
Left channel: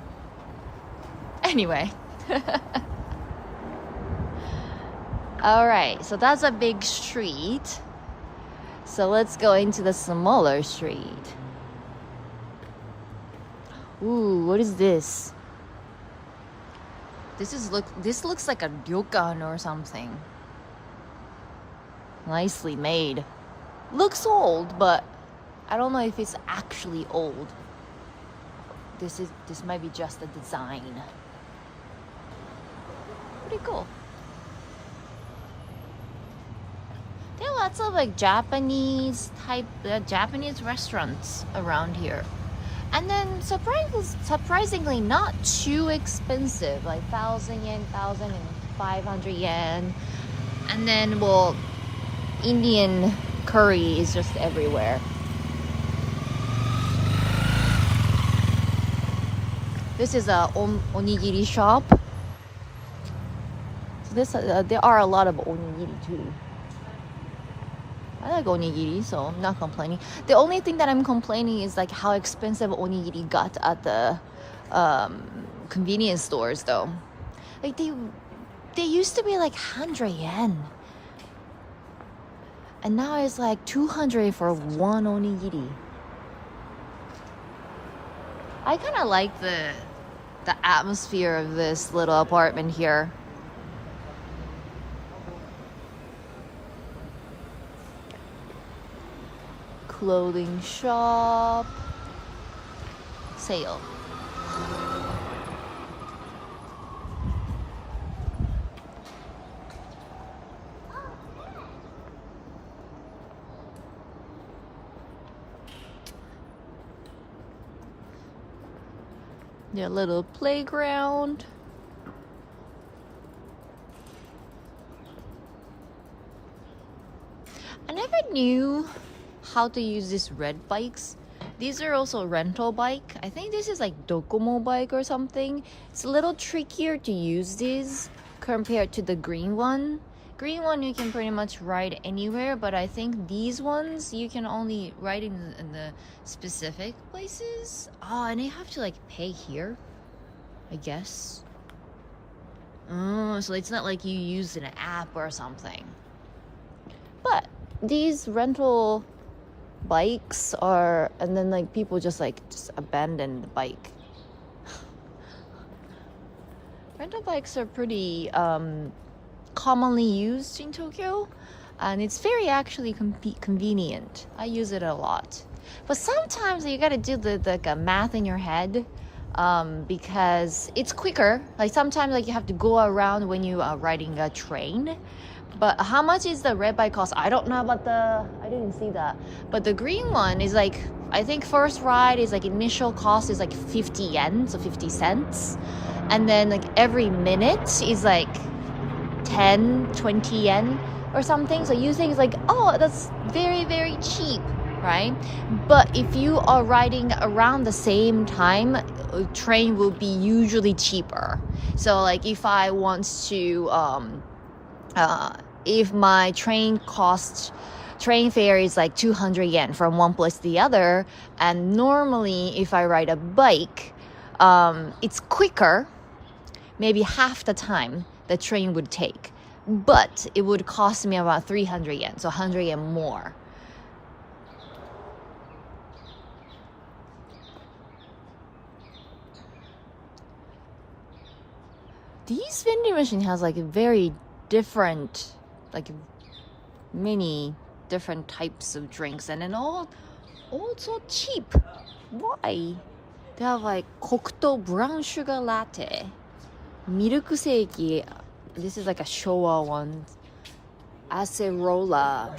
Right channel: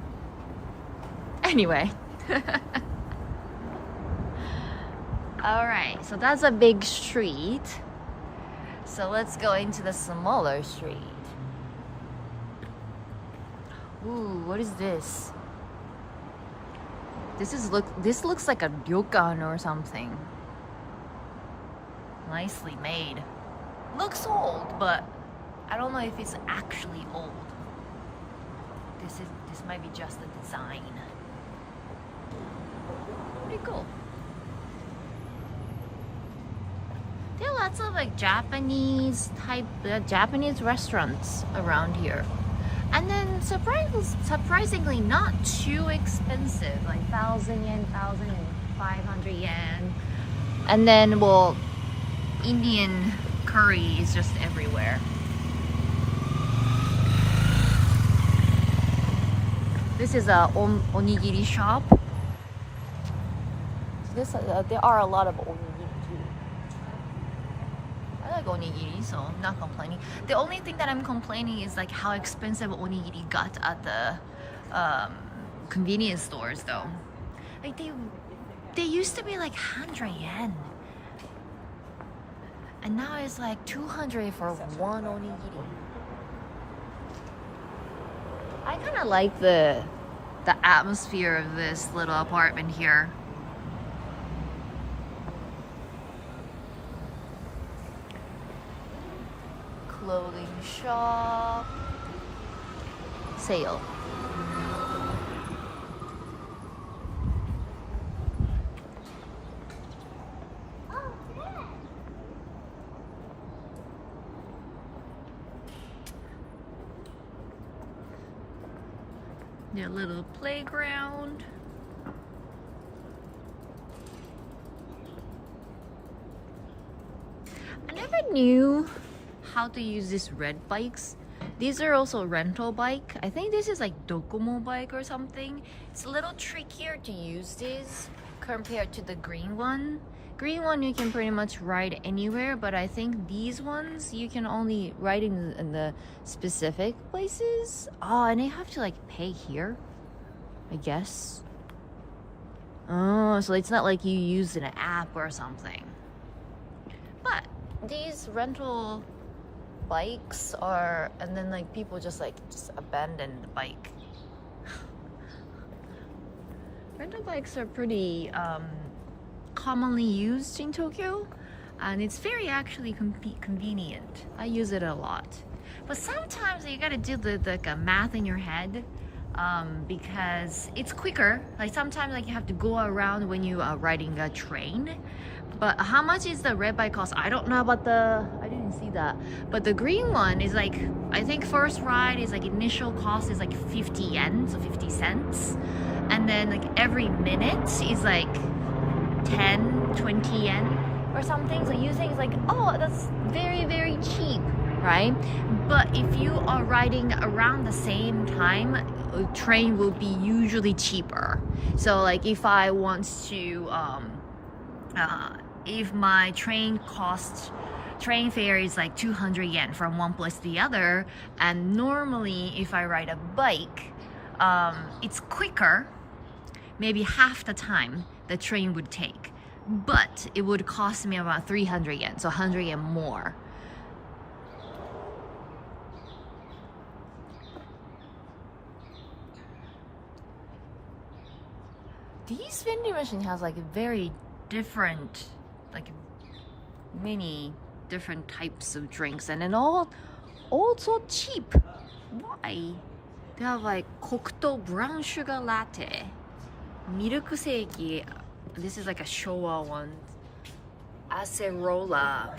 Anyway. All right, so that's a big street. So let's go into the smaller street. Ooh, what is this? This looks like a ryokan or something. Nicely made. Looks old, but I don't know if it's actually old. This might be just a design. Pretty cool. There are lots of like Japanese restaurants around here. And then surprisingly not too expensive, like 1,000 yen, 1,500 yen. And then, well, Indian curry is just everywhere. This is a onigiri shop. There are a lot of onigiri too. I like onigiri, so I'm not complaining. The only thing that I'm complaining is like how expensive onigiri got at the convenience stores though. Like they used to be like 100 yen. And now it's like 200 for one onigiri. I kind of like the atmosphere of this little apartment here. Clothing shop. Sale. Their little playground. I never knew how to use these red bikes. These are also rental bike. I think this is like Docomo bike or something. It's a little trickier to use these compared to the green one. Green one you can pretty much ride anywhere, but I think these ones you can only ride in the specific places. Oh, and you have to like pay here, I guess. Oh, so it's not like you use an app or something. But these rental bikes are, and then like people just abandon the bike. Rental bikes are pretty commonly used in Tokyo, and it's very actually convenient. I use it a lot, but sometimes you gotta do the math in your head, because it's quicker. Like sometimes like you have to go around when you are riding a train. But how much is the red bike cost? I don't know about I didn't see that. But the green one is like, I think first ride is like initial cost is like 50 yen, so 50 cents. And then like every minute is like 10, 20 yen or something. So you think like, oh, that's very, very cheap, right? But if you are riding around the same time, train will be usually cheaper. So like if I want to if my train fare is like 200 yen from one place to the other, and normally if I ride a bike, it's quicker, maybe half the time the train would take, but it would cost me about 300 yen, so 100 yen more. These vending machine has like a very different, like many different types of drinks, and then all so cheap. Why? They have like Kokuto brown sugar latte, milk seiki. This is like a Showa one. Acerola.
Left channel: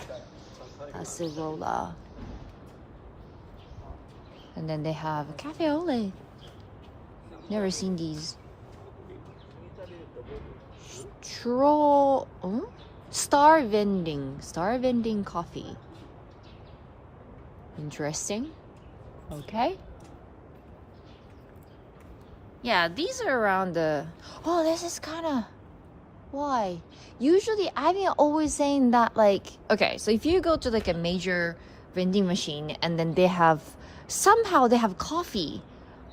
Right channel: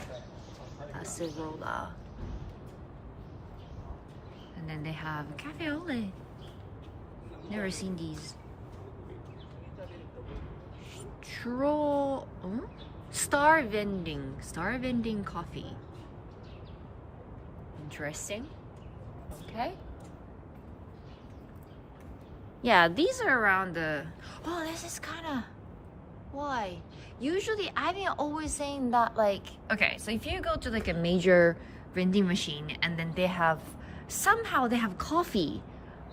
And then they have cafe ole. Never seen these. Star vending coffee. Interesting. Okay. Yeah, these are around the... Oh, this is kind of... Why? Usually, I've been always saying that, like... Okay, so if you go to like a major vending machine and then they have... Somehow they have coffee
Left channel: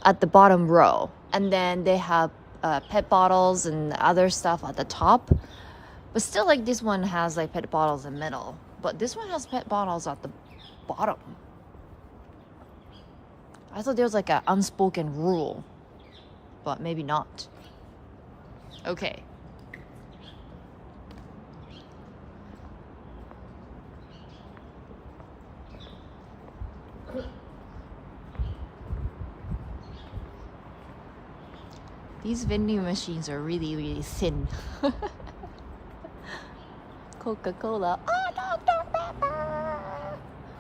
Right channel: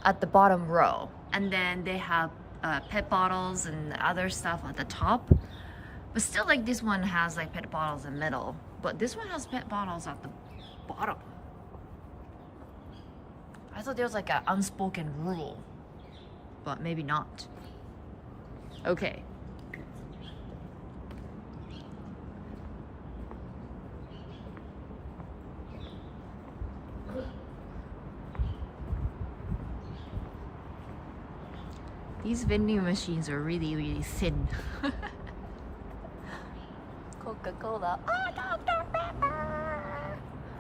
at the bottom row. And then they have pet bottles and other stuff at the top. But still, like, this one has like pet bottles in the middle. But this one has pet bottles at the bottom. I thought there was like an unspoken rule. But maybe not. Okay. These vending machines are really, really thin. Coca-Cola. Oh, Dr. Pepper!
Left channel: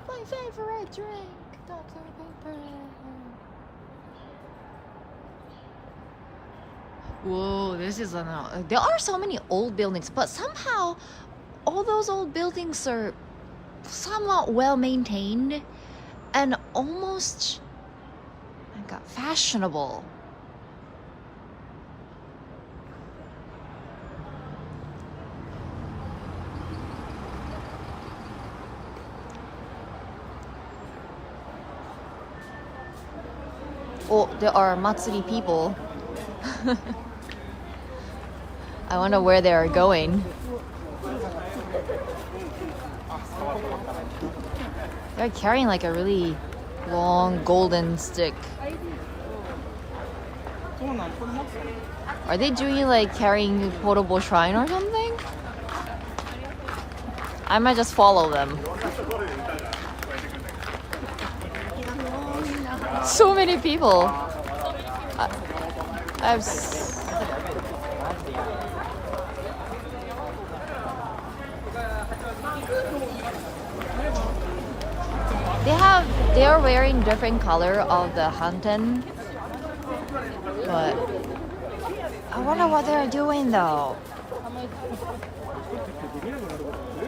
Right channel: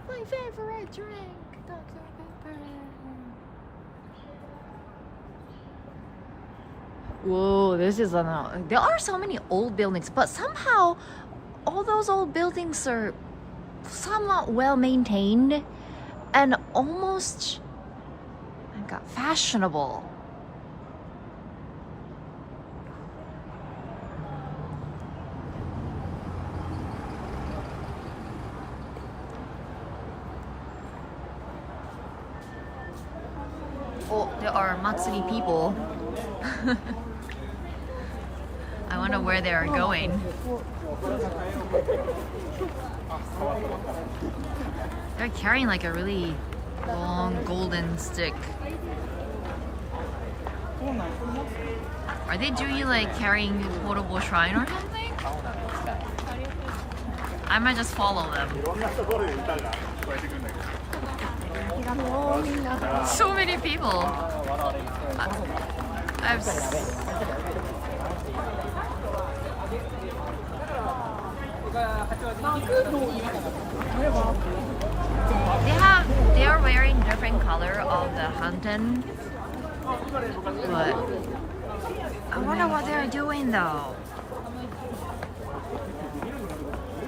My favorite drink, Dr. Pepper. Whoa, this is there are so many old buildings, but somehow all those old buildings are somewhat well maintained and almost like fashionable. Well, there are Matsuri people. I wonder where they are going. They're carrying like a really long golden stick. Are they doing like carrying portable shrine or something? I might just follow them. So many people. They are wearing different color of the hanten, but I wonder what they are doing though.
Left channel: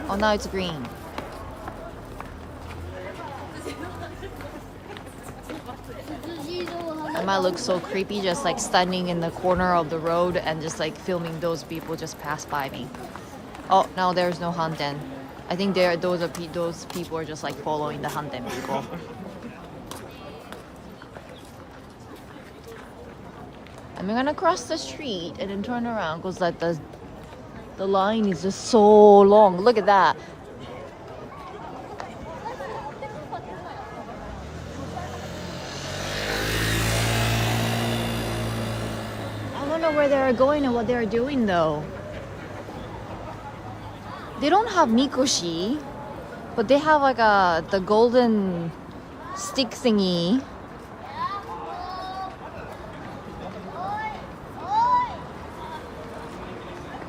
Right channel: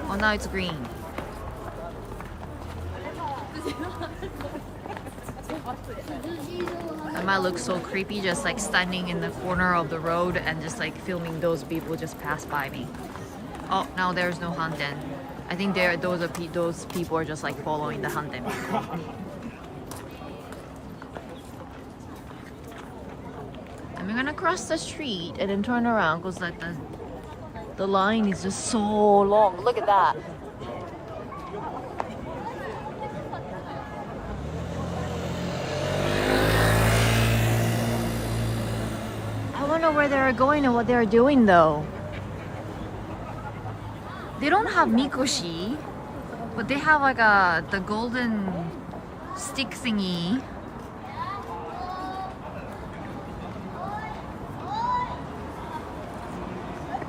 Oh, now it's green. It might look so creepy, just like standing in the corner of the road and just like filming those people just pass by me. Oh, now there's no hanten. I think those people are just like following the hanten people. I'm gonna cross the street and then turn around because like the line is just so long. Look at that. I wonder where they're going and what they're doing though. They don't have mikoshi, but they have like the golden stick thingy.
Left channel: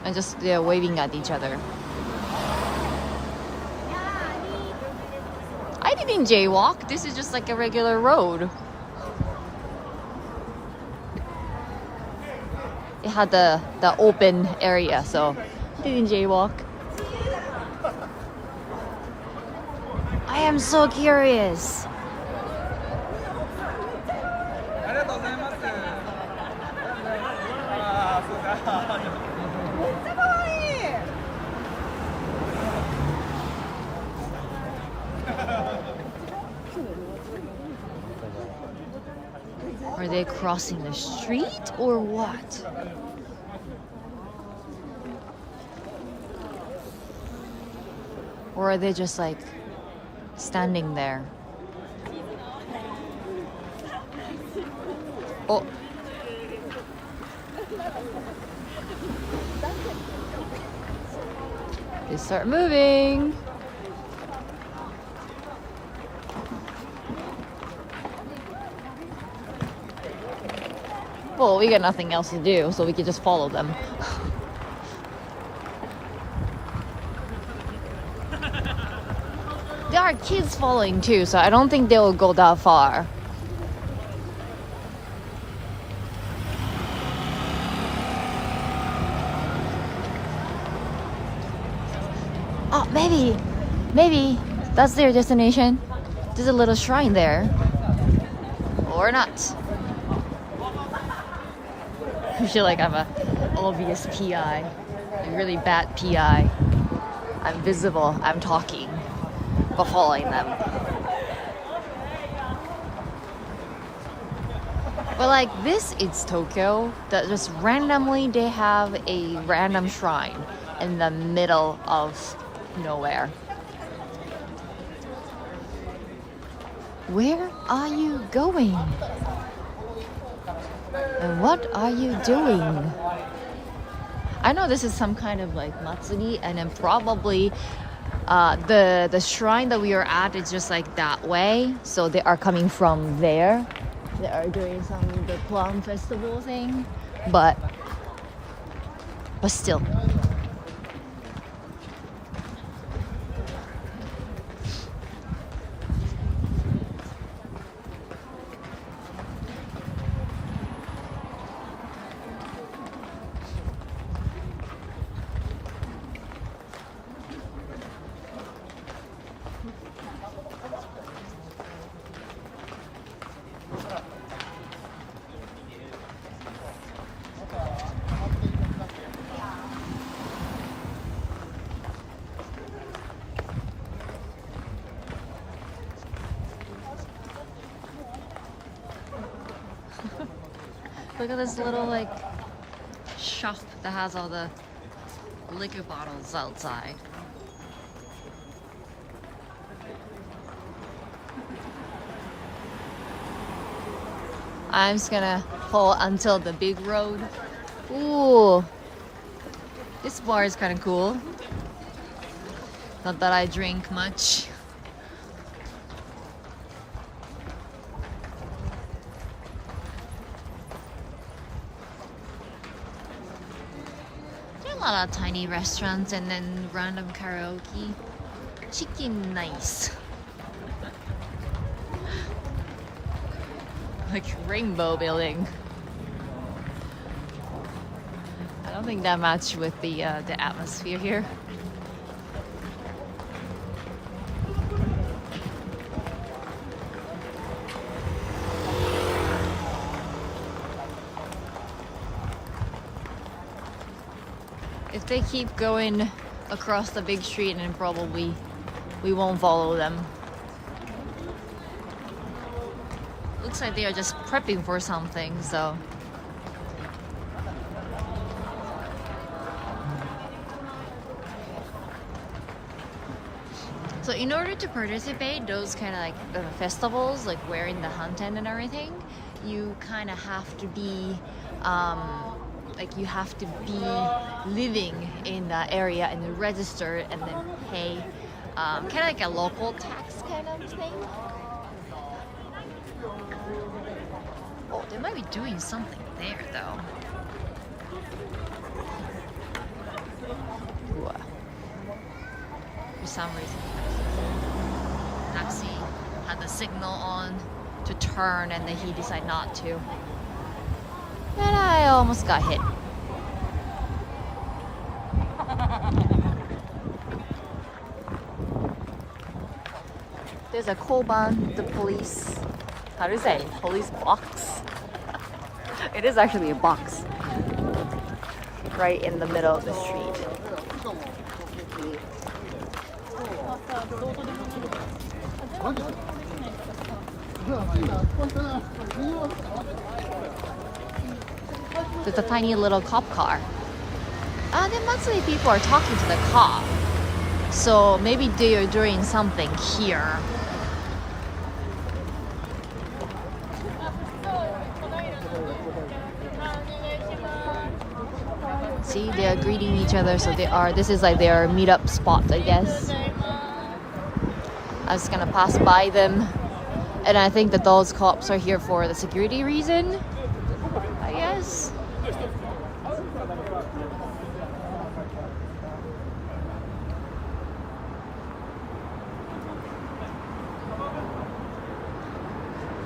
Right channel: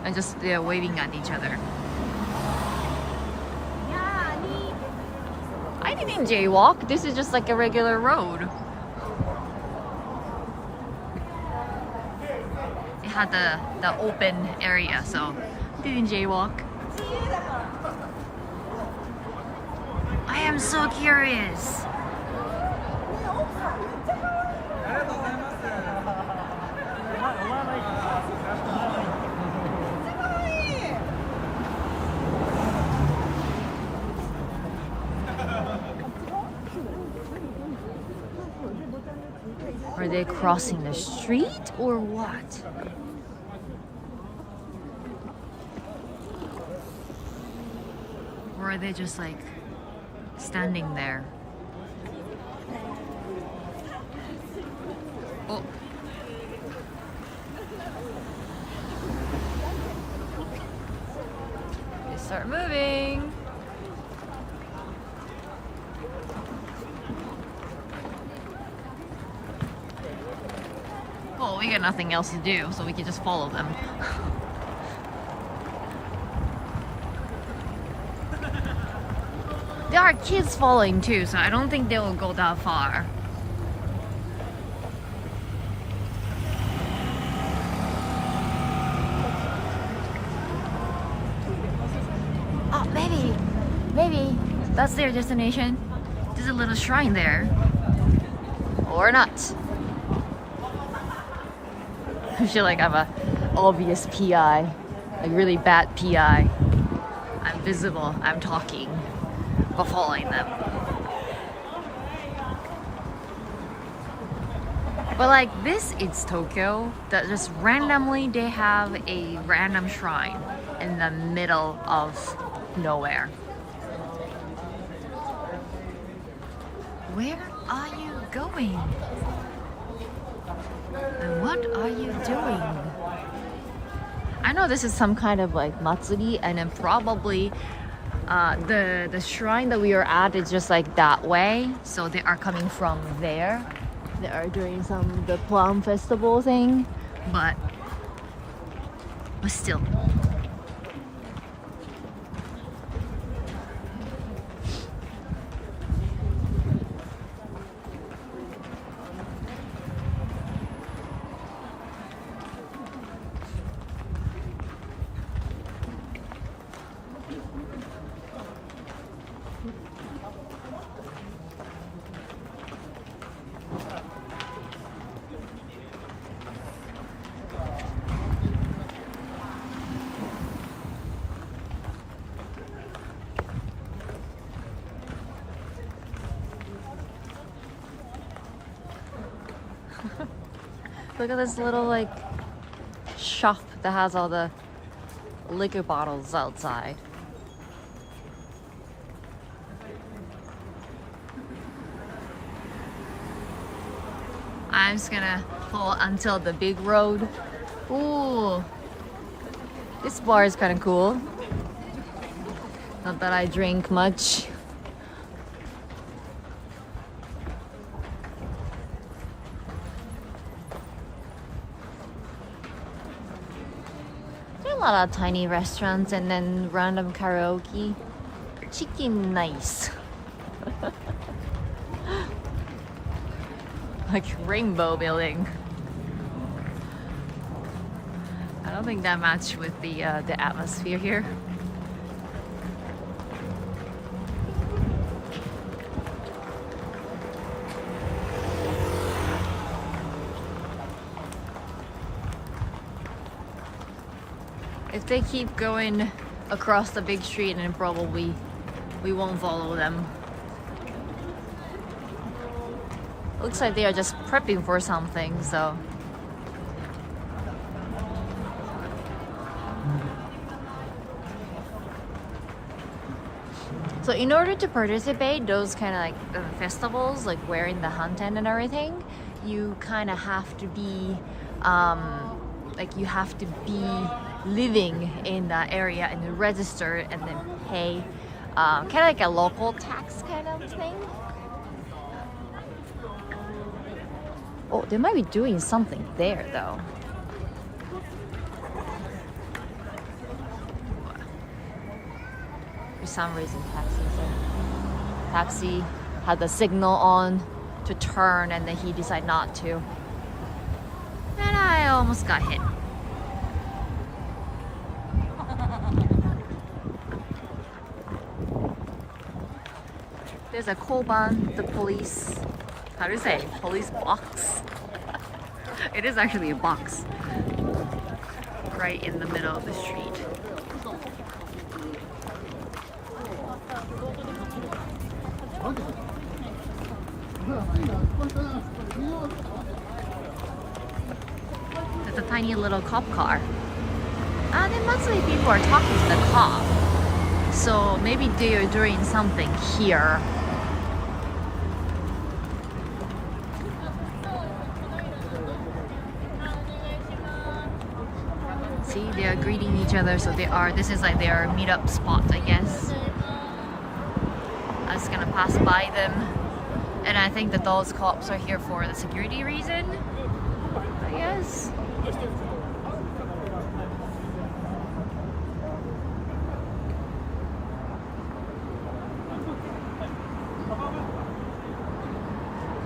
And just they're waving at each other. I didn't jaywalk. This is just like a regular road. It had the open area, so I didn't jaywalk. I am so curious. Are they crossing the street or what? Or are they just like standing there? Oh. They start moving. Well, we got nothing else to do, so we could just follow them. There are kids following too, so I don't think they will go that far. Oh, maybe that's their destination. There's a little shrine there. Or not. I feel like I'm a obvious PI, a really bad PI. I'm visible, I'm talking, but following them. But like this, it's Tokyo, that just randomly they have a random shrine in the middle of nowhere. Where are you going? And what are you doing? I know this is some kind of like matsuri, and then probably the shrine that we are at is just like that way. So they are coming from there. They are doing the Plum festival thing, but still. Look at this little like shop that has all the liquor bottles outside. I'm just gonna pull until the big road. Ooh, this bar is kind of cool. Not that I drink much. There are a lot of tiny restaurants and then random karaoke. Chicken nice. Like rainbow building. I don't think that matched with the atmosphere here. If they keep going across the big street, then probably we won't follow them. Looks like they are just prepping for something, so. So in order to participate those kind of like festivals, like wearing the hanten and everything, you kind of have to be, like you have to be living in that area and register and then pay, kind of like a local tax kind of thing. Oh, they might be doing something there though. For some reason, taxi had the signal on to turn and then he decided not to. And I almost got hit. There's a koban, the police. How do you say? Police box. It is actually a box. Right in the middle of the street. There's a tiny little cop car. Then mostly people are talking to the cop. So maybe they are doing something here. See, they are greeting each other, so this is like their meetup spot, I guess. I was gonna pass by them, and I think that those cops are here for the security reason, I guess.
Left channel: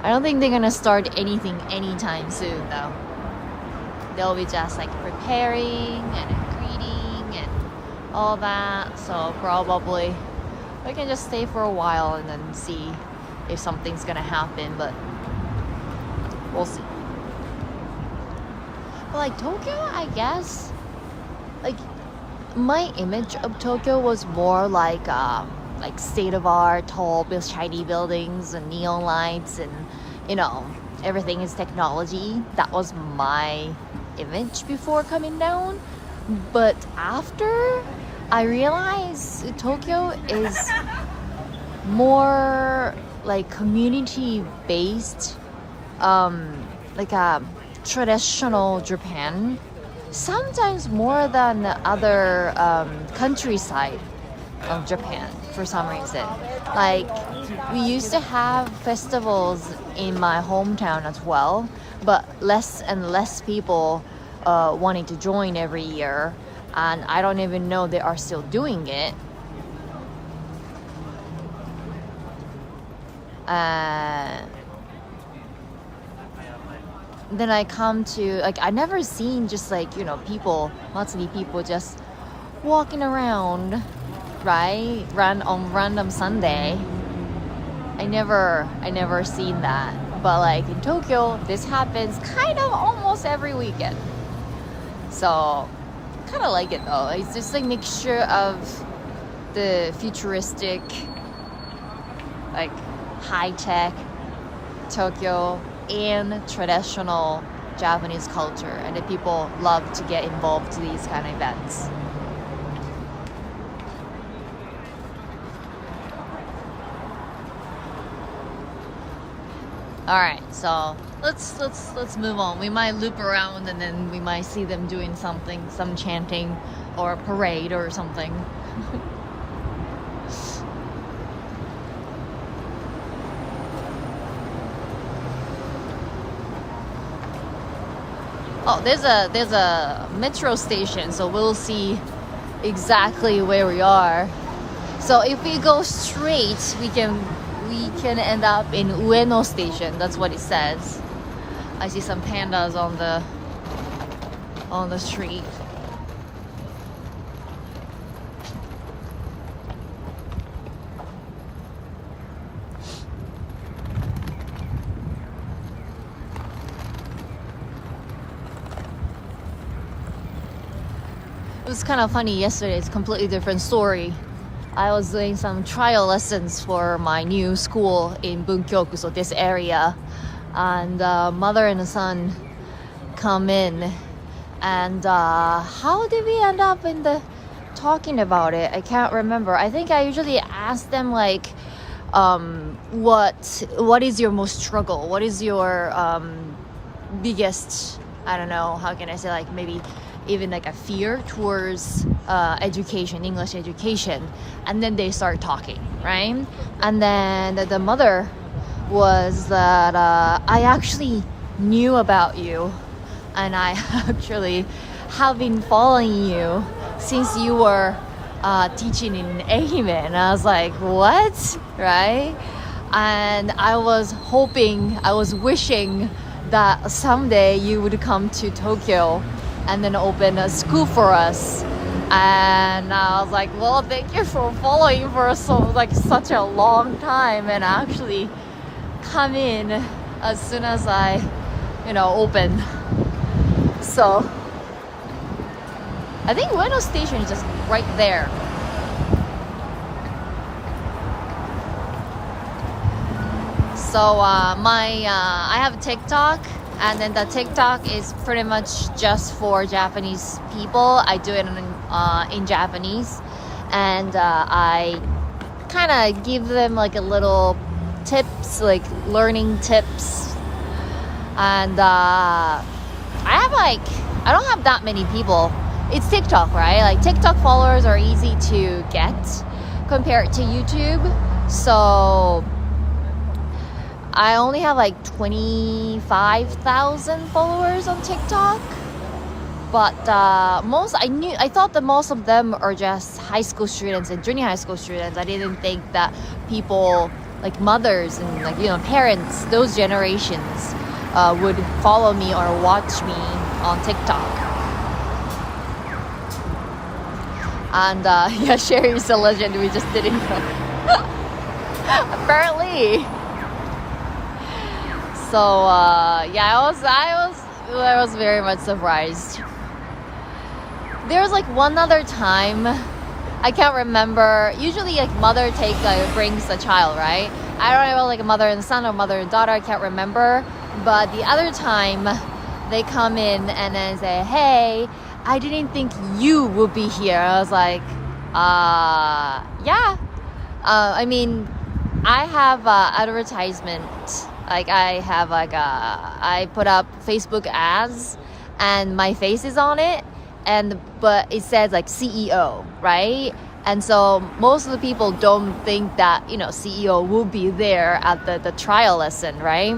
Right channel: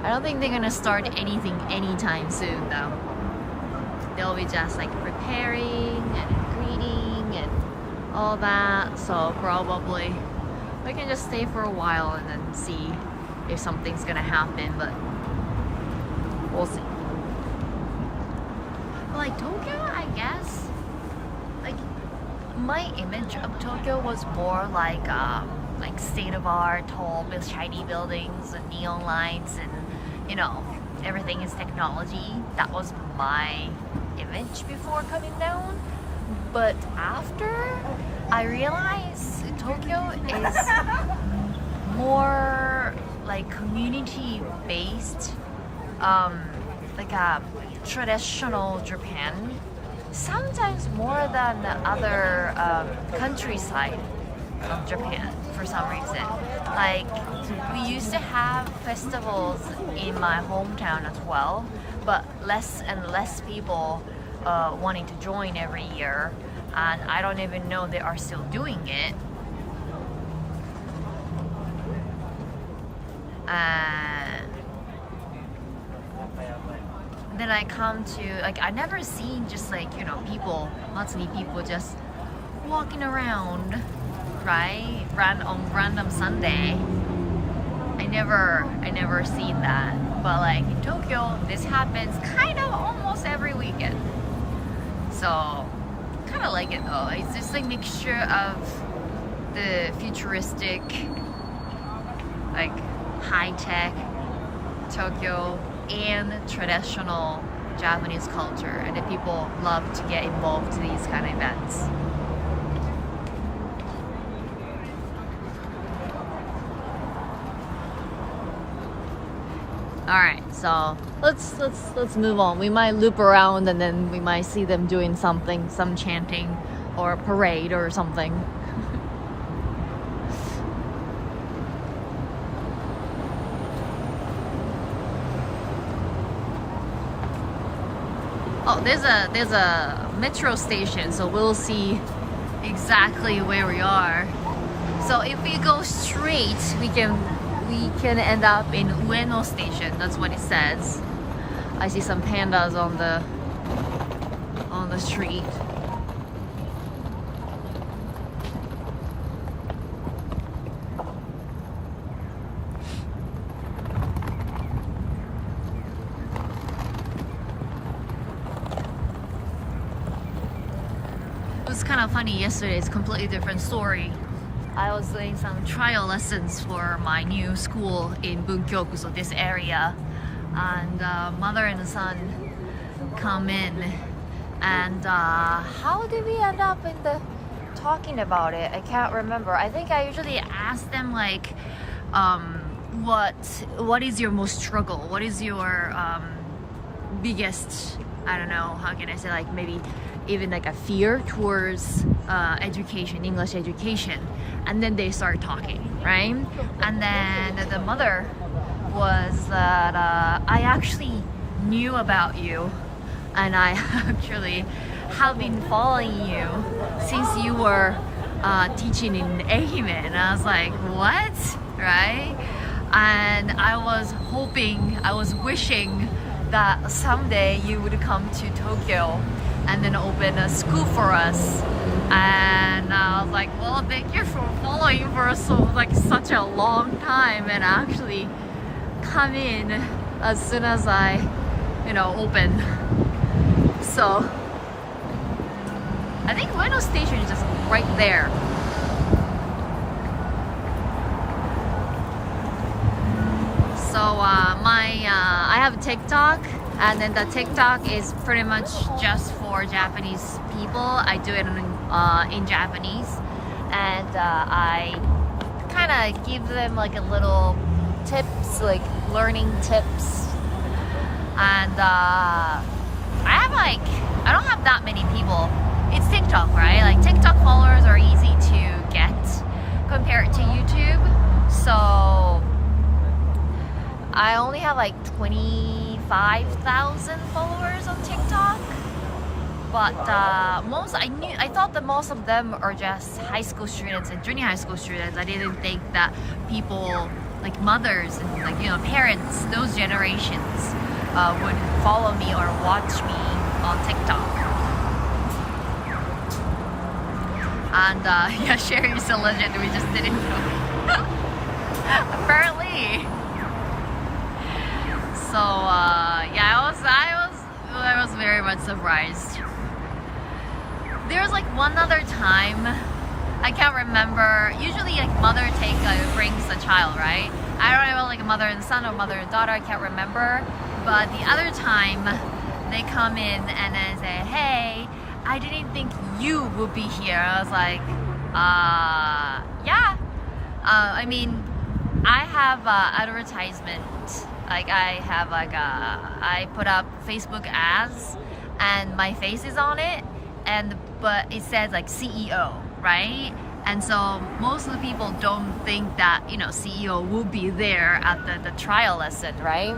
I don't think they're gonna start anything anytime soon though. They'll be just like preparing and greeting and all that. So probably we can just stay for a while and then see if something's gonna happen, but we'll see. But like Tokyo, I guess, like my image of Tokyo was more like state of art, tall, shiny buildings and neon lights, and you know, everything is technology. That was my image before coming down. But after I realized Tokyo is more like community based, like a traditional Japan, sometimes more than other countryside of Japan for some reason. Like we used to have festivals in my hometown as well, but less and less people wanting to join every year, and I don't even know they are still doing it. Then I come to, like, I never seen just like, you know, people, Matsuri people just walking around, right? On random Sunday. I never seen that. But like in Tokyo, this happens kind of almost every weekend. So kind of like it though. It's just a mixture of the futuristic, like high-tech Tokyo and traditional Japanese culture, and the people love to get involved to these kind of events. All right, so let's move on. We might loop around and then we might see them doing something, some chanting or a parade or something. Oh, there's a metro station, so we'll see exactly where we are. So if we go straight, we can end up in Ueno station. That's what it says. I see some pandas on the street. It was kind of funny yesterday. It's a completely different story. I was doing some trial lessons for my new school in Bunkyoku, so this area, and mother and son come in, and how did we end up in the talking about it? I can't remember. I think I usually ask them like, what is your most struggle? What is your biggest, I don't know, how can I say, like maybe even like a fear towards education, English education, and then they start talking, right? And then the mother was that I actually knew about you, and I actually have been following you since you were teaching in Ehime. And I was like, what? Right? And I was wishing that someday you would come to Tokyo and then open a school for us. And I was like, well, thank you for following for such a long time, and actually come in as soon as I, open. So I think Ueno station is just right there. So I have TikTok, and then the TikTok is pretty much just for Japanese people. I do it in Japanese, and I kind of give them like a little tips, like learning tips. And I don't have that many people. It's TikTok, right? Like TikTok followers are easy to get compared to YouTube. So I only have like 25,000 followers on TikTok. But I thought that most of them are just high school students and junior high school students. I didn't think that people like mothers and like, you know, parents, those generations would follow me or watch me on TikTok. And yeah, Sherry's a legend. We just didn't know. Apparently. So yeah, I was very much surprised. There's like one other time, I can't remember. Usually like mother brings the child, right? I don't know, like a mother and son or mother and daughter, I can't remember. But the other time they come in and then say, hey, I didn't think you would be here. I was like, yeah. I mean, I have advertisement. Like I put up Facebook ads and my face is on it, but it says like CEO, right? And so most of the people don't think that, you know, CEO will be there at the trial lesson, right?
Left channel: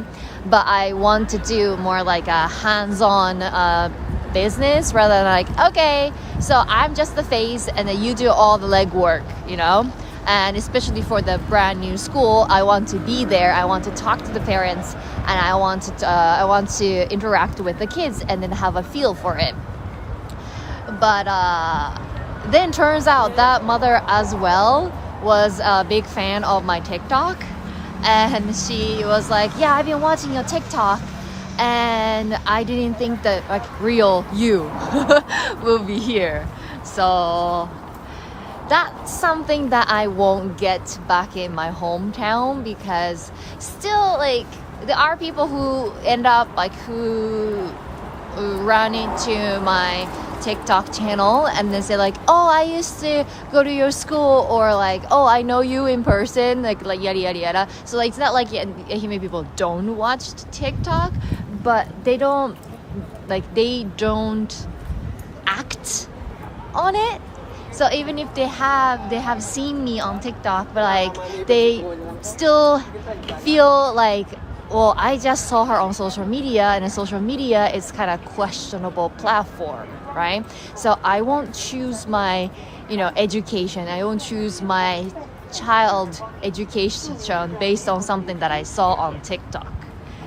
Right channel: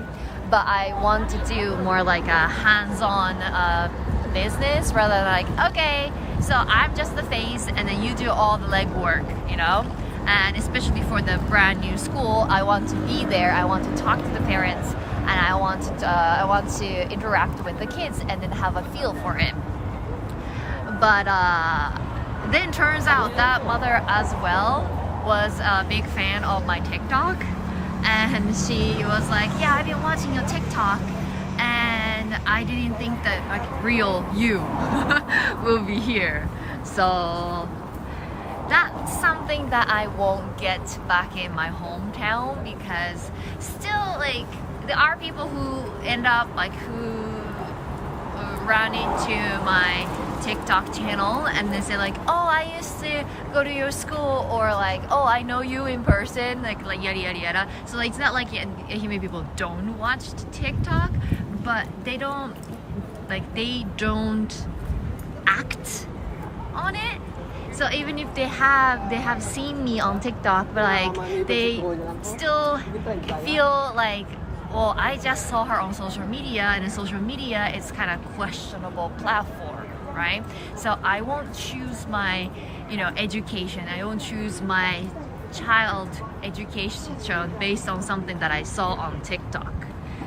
But I want to do more like a hands-on business rather than like, okay, so I'm just the face and then you do all the legwork, you know? And especially for the brand new school, I want to be there. I want to talk to the parents, and I want to interact with the kids and then have a feel for it. But then turns out that mother as well was a big fan of my TikTok, and she was like, yeah, I've been watching your TikTok and I didn't think that like real you will be here. So that's something that I won't get back in my hometown, because still like there are people who end up like who run into my TikTok channel and then say like, oh, I used to go to your school, or like, oh, I know you in person, like yada yada yada. So like, it's not like Ehime people don't watch TikTok, but they don't act on it. So even if they have seen me on TikTok, but like they still feel like, well, I just saw her on social media, and social media is kind of questionable platform, right? So I won't choose my, you know, education. I won't choose my child education based on something that I saw on TikTok.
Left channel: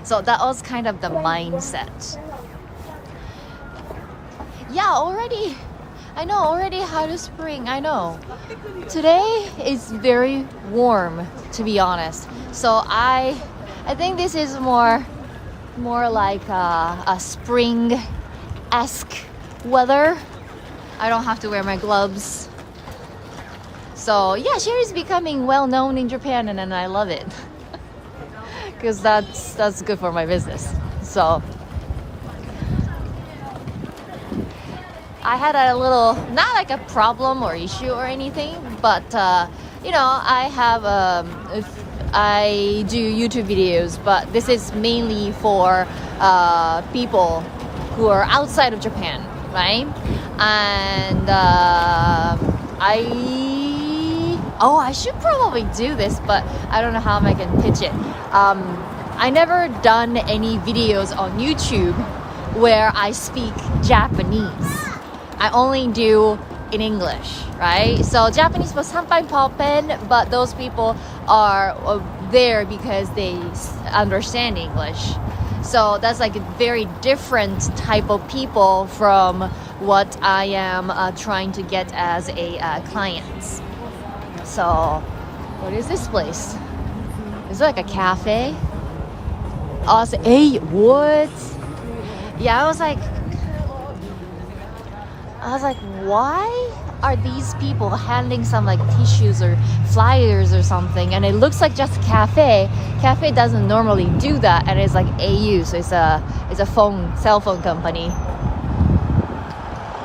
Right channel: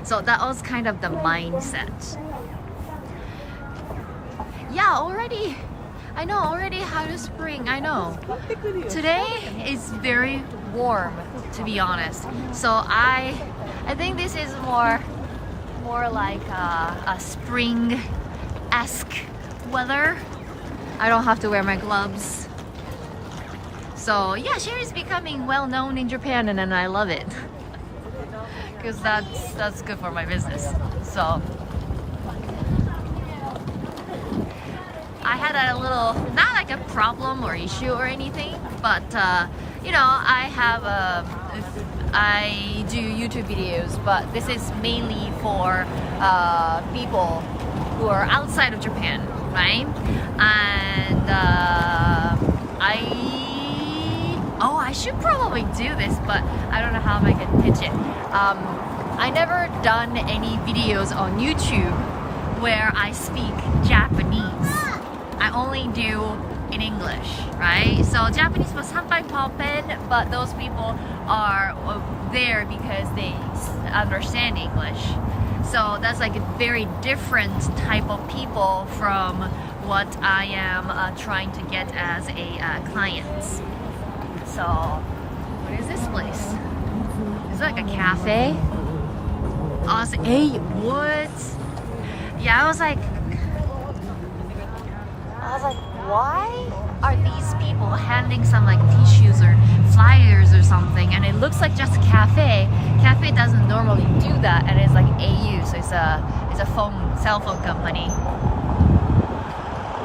So that was kind of the mindset. Yeah, already. I know, already had a spring, I know. Today is very warm, to be honest. So I think this is more like a spring-esque weather. I don't have to wear my gloves. So yeah, Sherry's becoming well known in Japan, and I love it. Because that's good for my business. So I had a little, not like a problem or issue or anything, but you know, I do YouTube videos, but this is mainly for people who are outside of Japan, right? And I should probably do this, but I don't know how I can pitch it. I never done any videos on YouTube where I speak Japanese. I only do in English, right? So Japanese was sampai poppen, but those people are there because they understand English. So that's like a very different type of people from what I am trying to get as a client. So what is this place? Is it like a cafe? Oh, it's hey, what? Yeah, I was like, why are these people handing some like tissues or flyers or something, and it looks like just a cafe. Cafe doesn't normally do that, and it's like AU, so it's a cell phone company.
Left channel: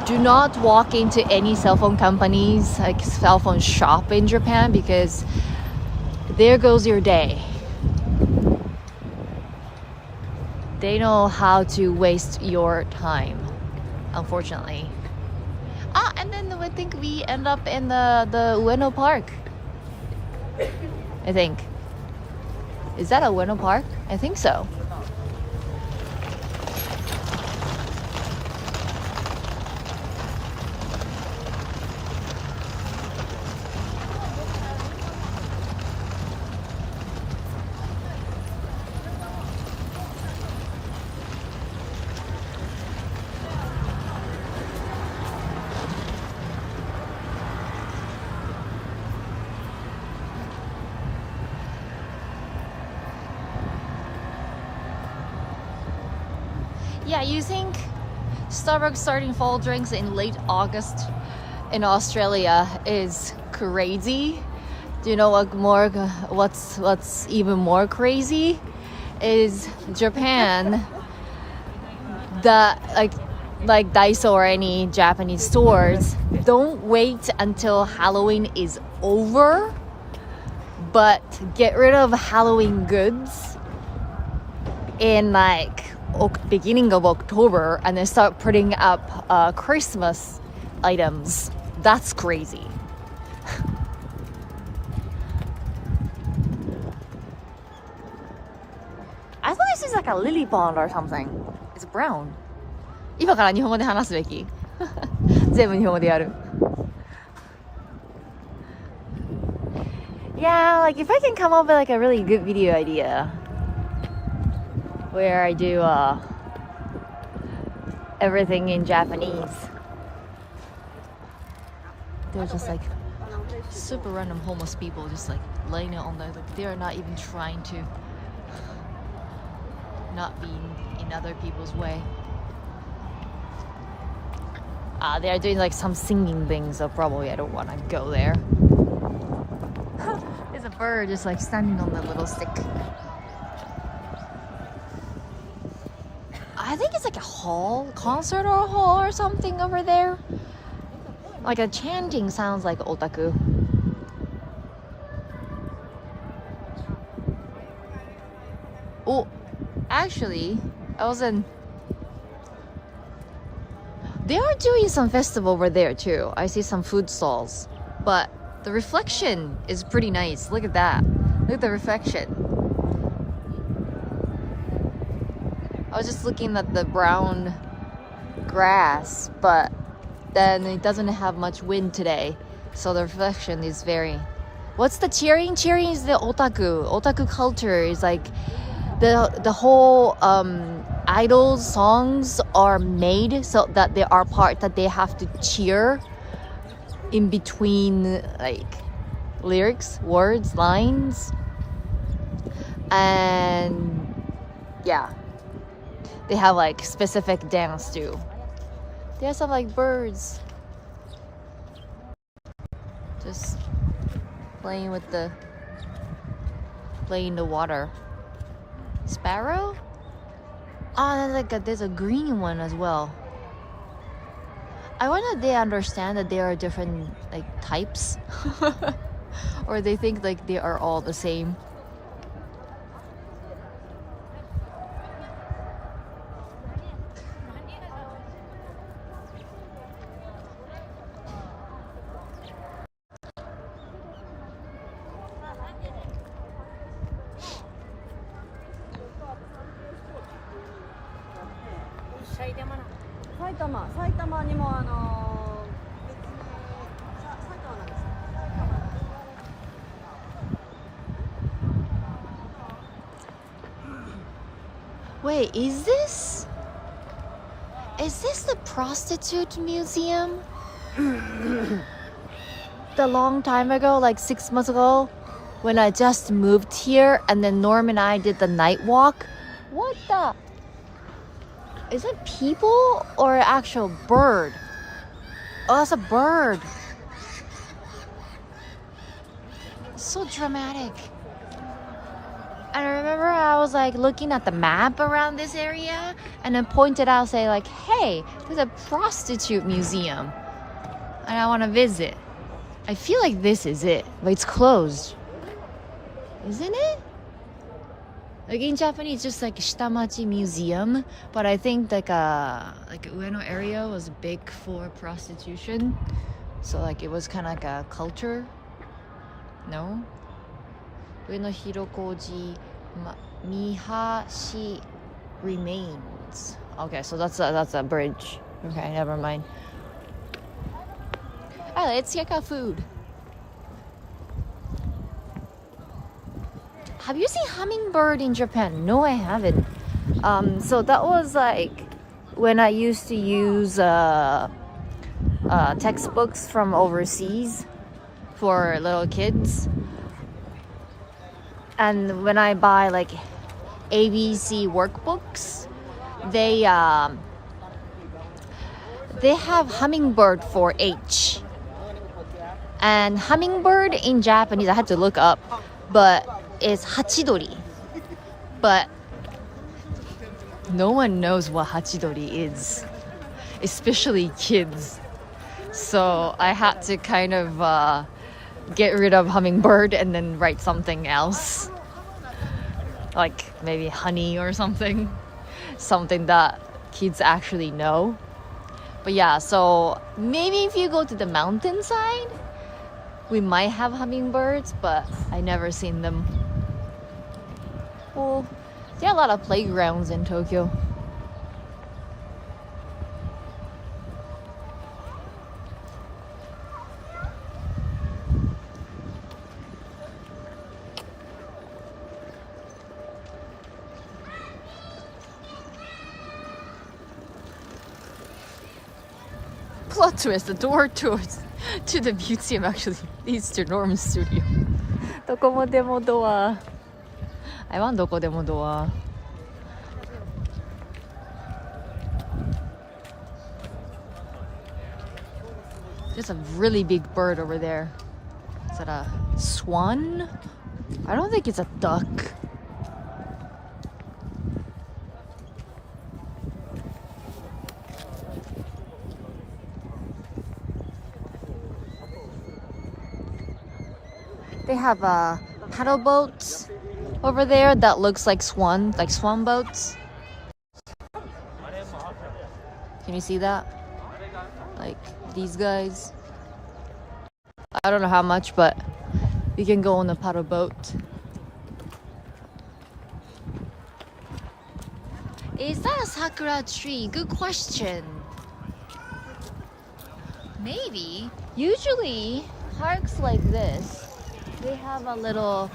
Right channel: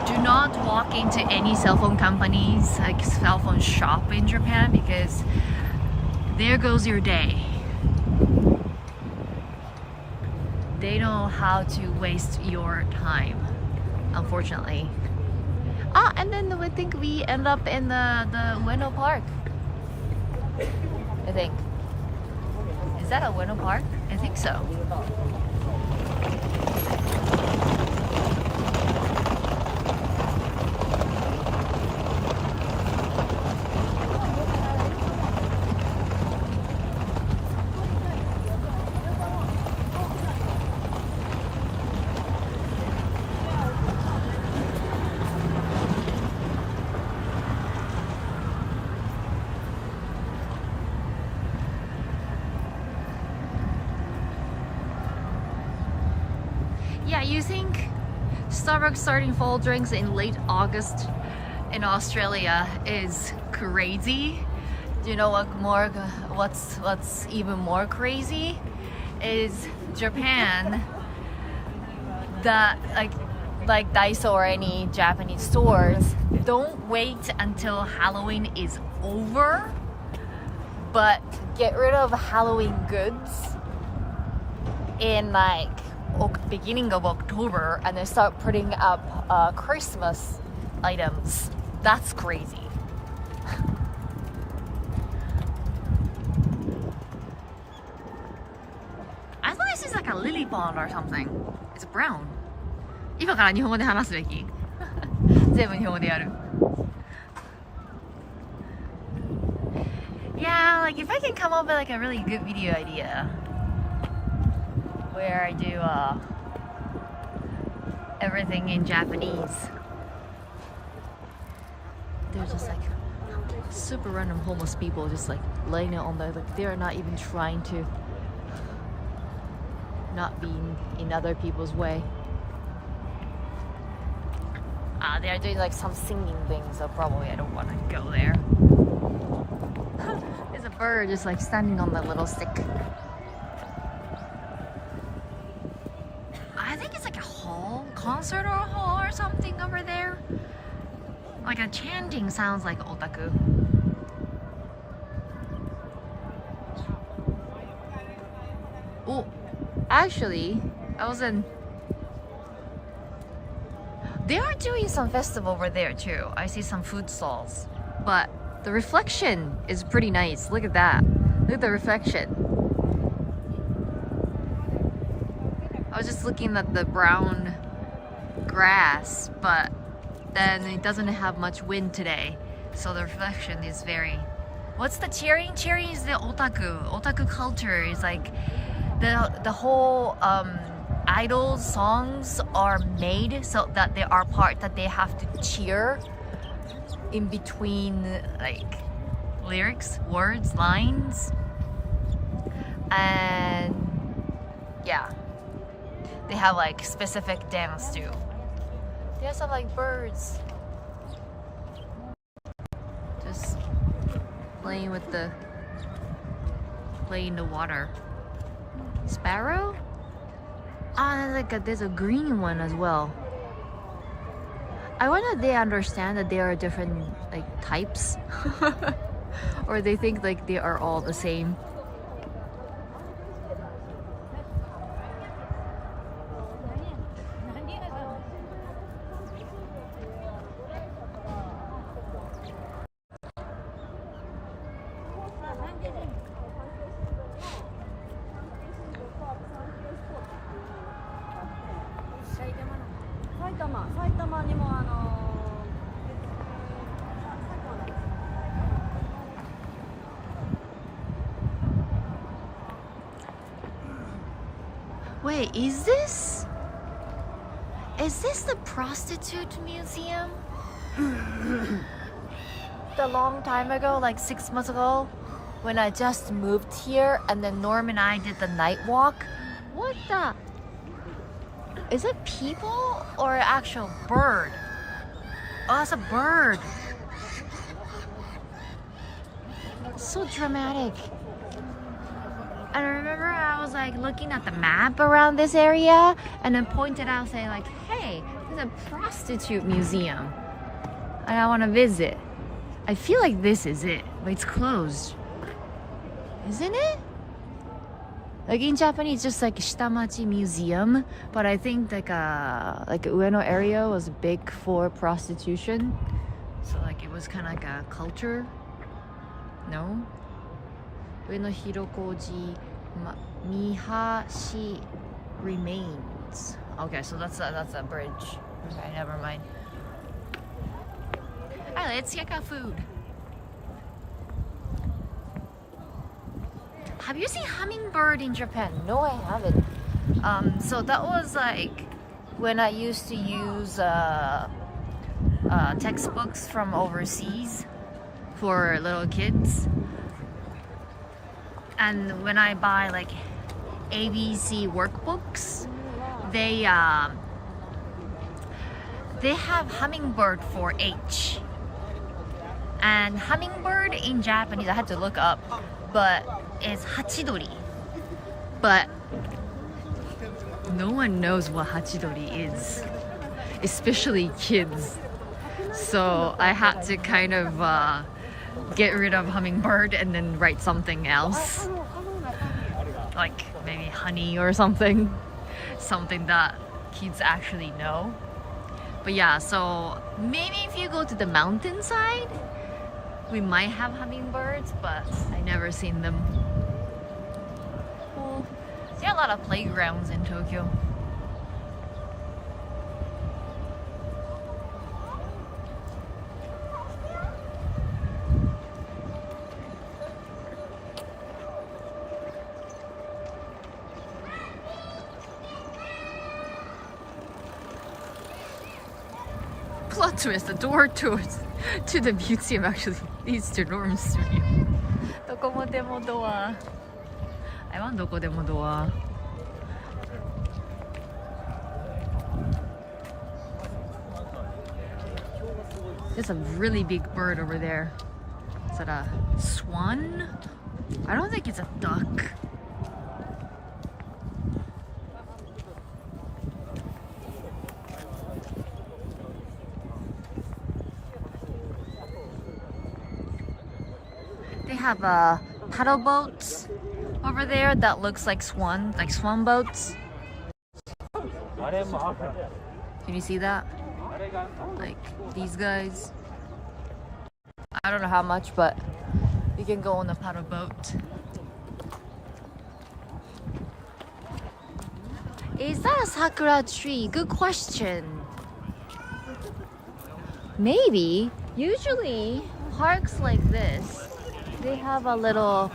Do not walk into any cell phone companies, like cell phone shop in Japan, because there goes your day. They know how to waste your time, unfortunately. Ah, and then I think we end up in the Ueno Park. I think. Is that a Ueno Park? I think so. Yeah, you think Starbucks starting fall drinks in late August in Australia is crazy? Do you know what's even more crazy is Japan. The like Daiso or any Japanese stores don't wait until Halloween is over, but get rid of Halloween goods in like beginning of October, and then start putting up Christmas items. That's crazy. I thought this is like a lily pond or something. It's brown. 今から日本語で話すべき全部日本語でやる Yeah, like if I can come up with like a really good video idea where I do everything in Japanese. They're just like super random homeless people just like laying it on the, like they're not even trying to not be in other people's way. They're doing like some singing thing, so probably I don't want to go there. There's a bird just like standing on that little stick. I think it's like a hall, concert or hall or something over there. Like a chanting sounds like otaku. Oh, actually, they are doing some festival over there too. I see some food stalls, but the reflection is pretty nice. Look at that. Look at the reflection. I was just looking at the brown grass, but then it doesn't have much wind today, so the reflection is very... What's the cheering? Cheering is the otaku. Otaku culture is like the whole idols songs are made so that there are parts that they have to cheer in between, like lyrics, words, lines, and yeah, they have like specific dance too. There's some like birds just playing in the water. Sparrow? There's a green one as well. I wonder if they understand that there are different like types or they think like they are all the same. Wait, is this the prostitute museum? The long time ago, like 6 months ago, when I just moved here, and then Norm and I did the night walk. What the? Is it people or an actual bird? Oh, that's a bird. so dramatic. And I remember I was like looking at the map around this area and then pointed out, say like, hey, there's a prostitute museum and I want to visit. I feel like this is it, but it's closed. Isn't it? Like in Japanese, just like Shitamachi Museum, but I think like Ueno area was big for prostitution. So like it was kind of like a culture. No? Ueno Hirokoji Mihashi remains. Okay, so that's a bridge. Okay, never mind. Alright, let's check out food. Have you seen hummingbird in Japan? No, I haven't. So that was like when I used to use textbooks from overseas for little kids. And when I buy like ABC workbooks, they have hummingbird for H. And hummingbird in Japanese, I had to look up, but it's hachidori. But no one knows what hachidori is, especially kids. So I had to kind of get rid of hummingbird and then write something else. Like maybe honey or something. Something that kids actually know. But yeah, so maybe if you go to the mountainside, we might have hummingbirds, but I never seen them. Well, there are a lot of playgrounds in Tokyo. Plot twist, the door to the museum actually leads to Norm's studio. どこもでもドア。I want どこでもドア。There's a really big bird over there. Is that a swan? I don't think it's a duck. They have paddle boats over there that looks like swan boats. Can you see that? Like these guys. I don't know how much, but you can go on a paddle boat. Is that a sakura tree? Good question. Maybe. Usually parks like this, they have a little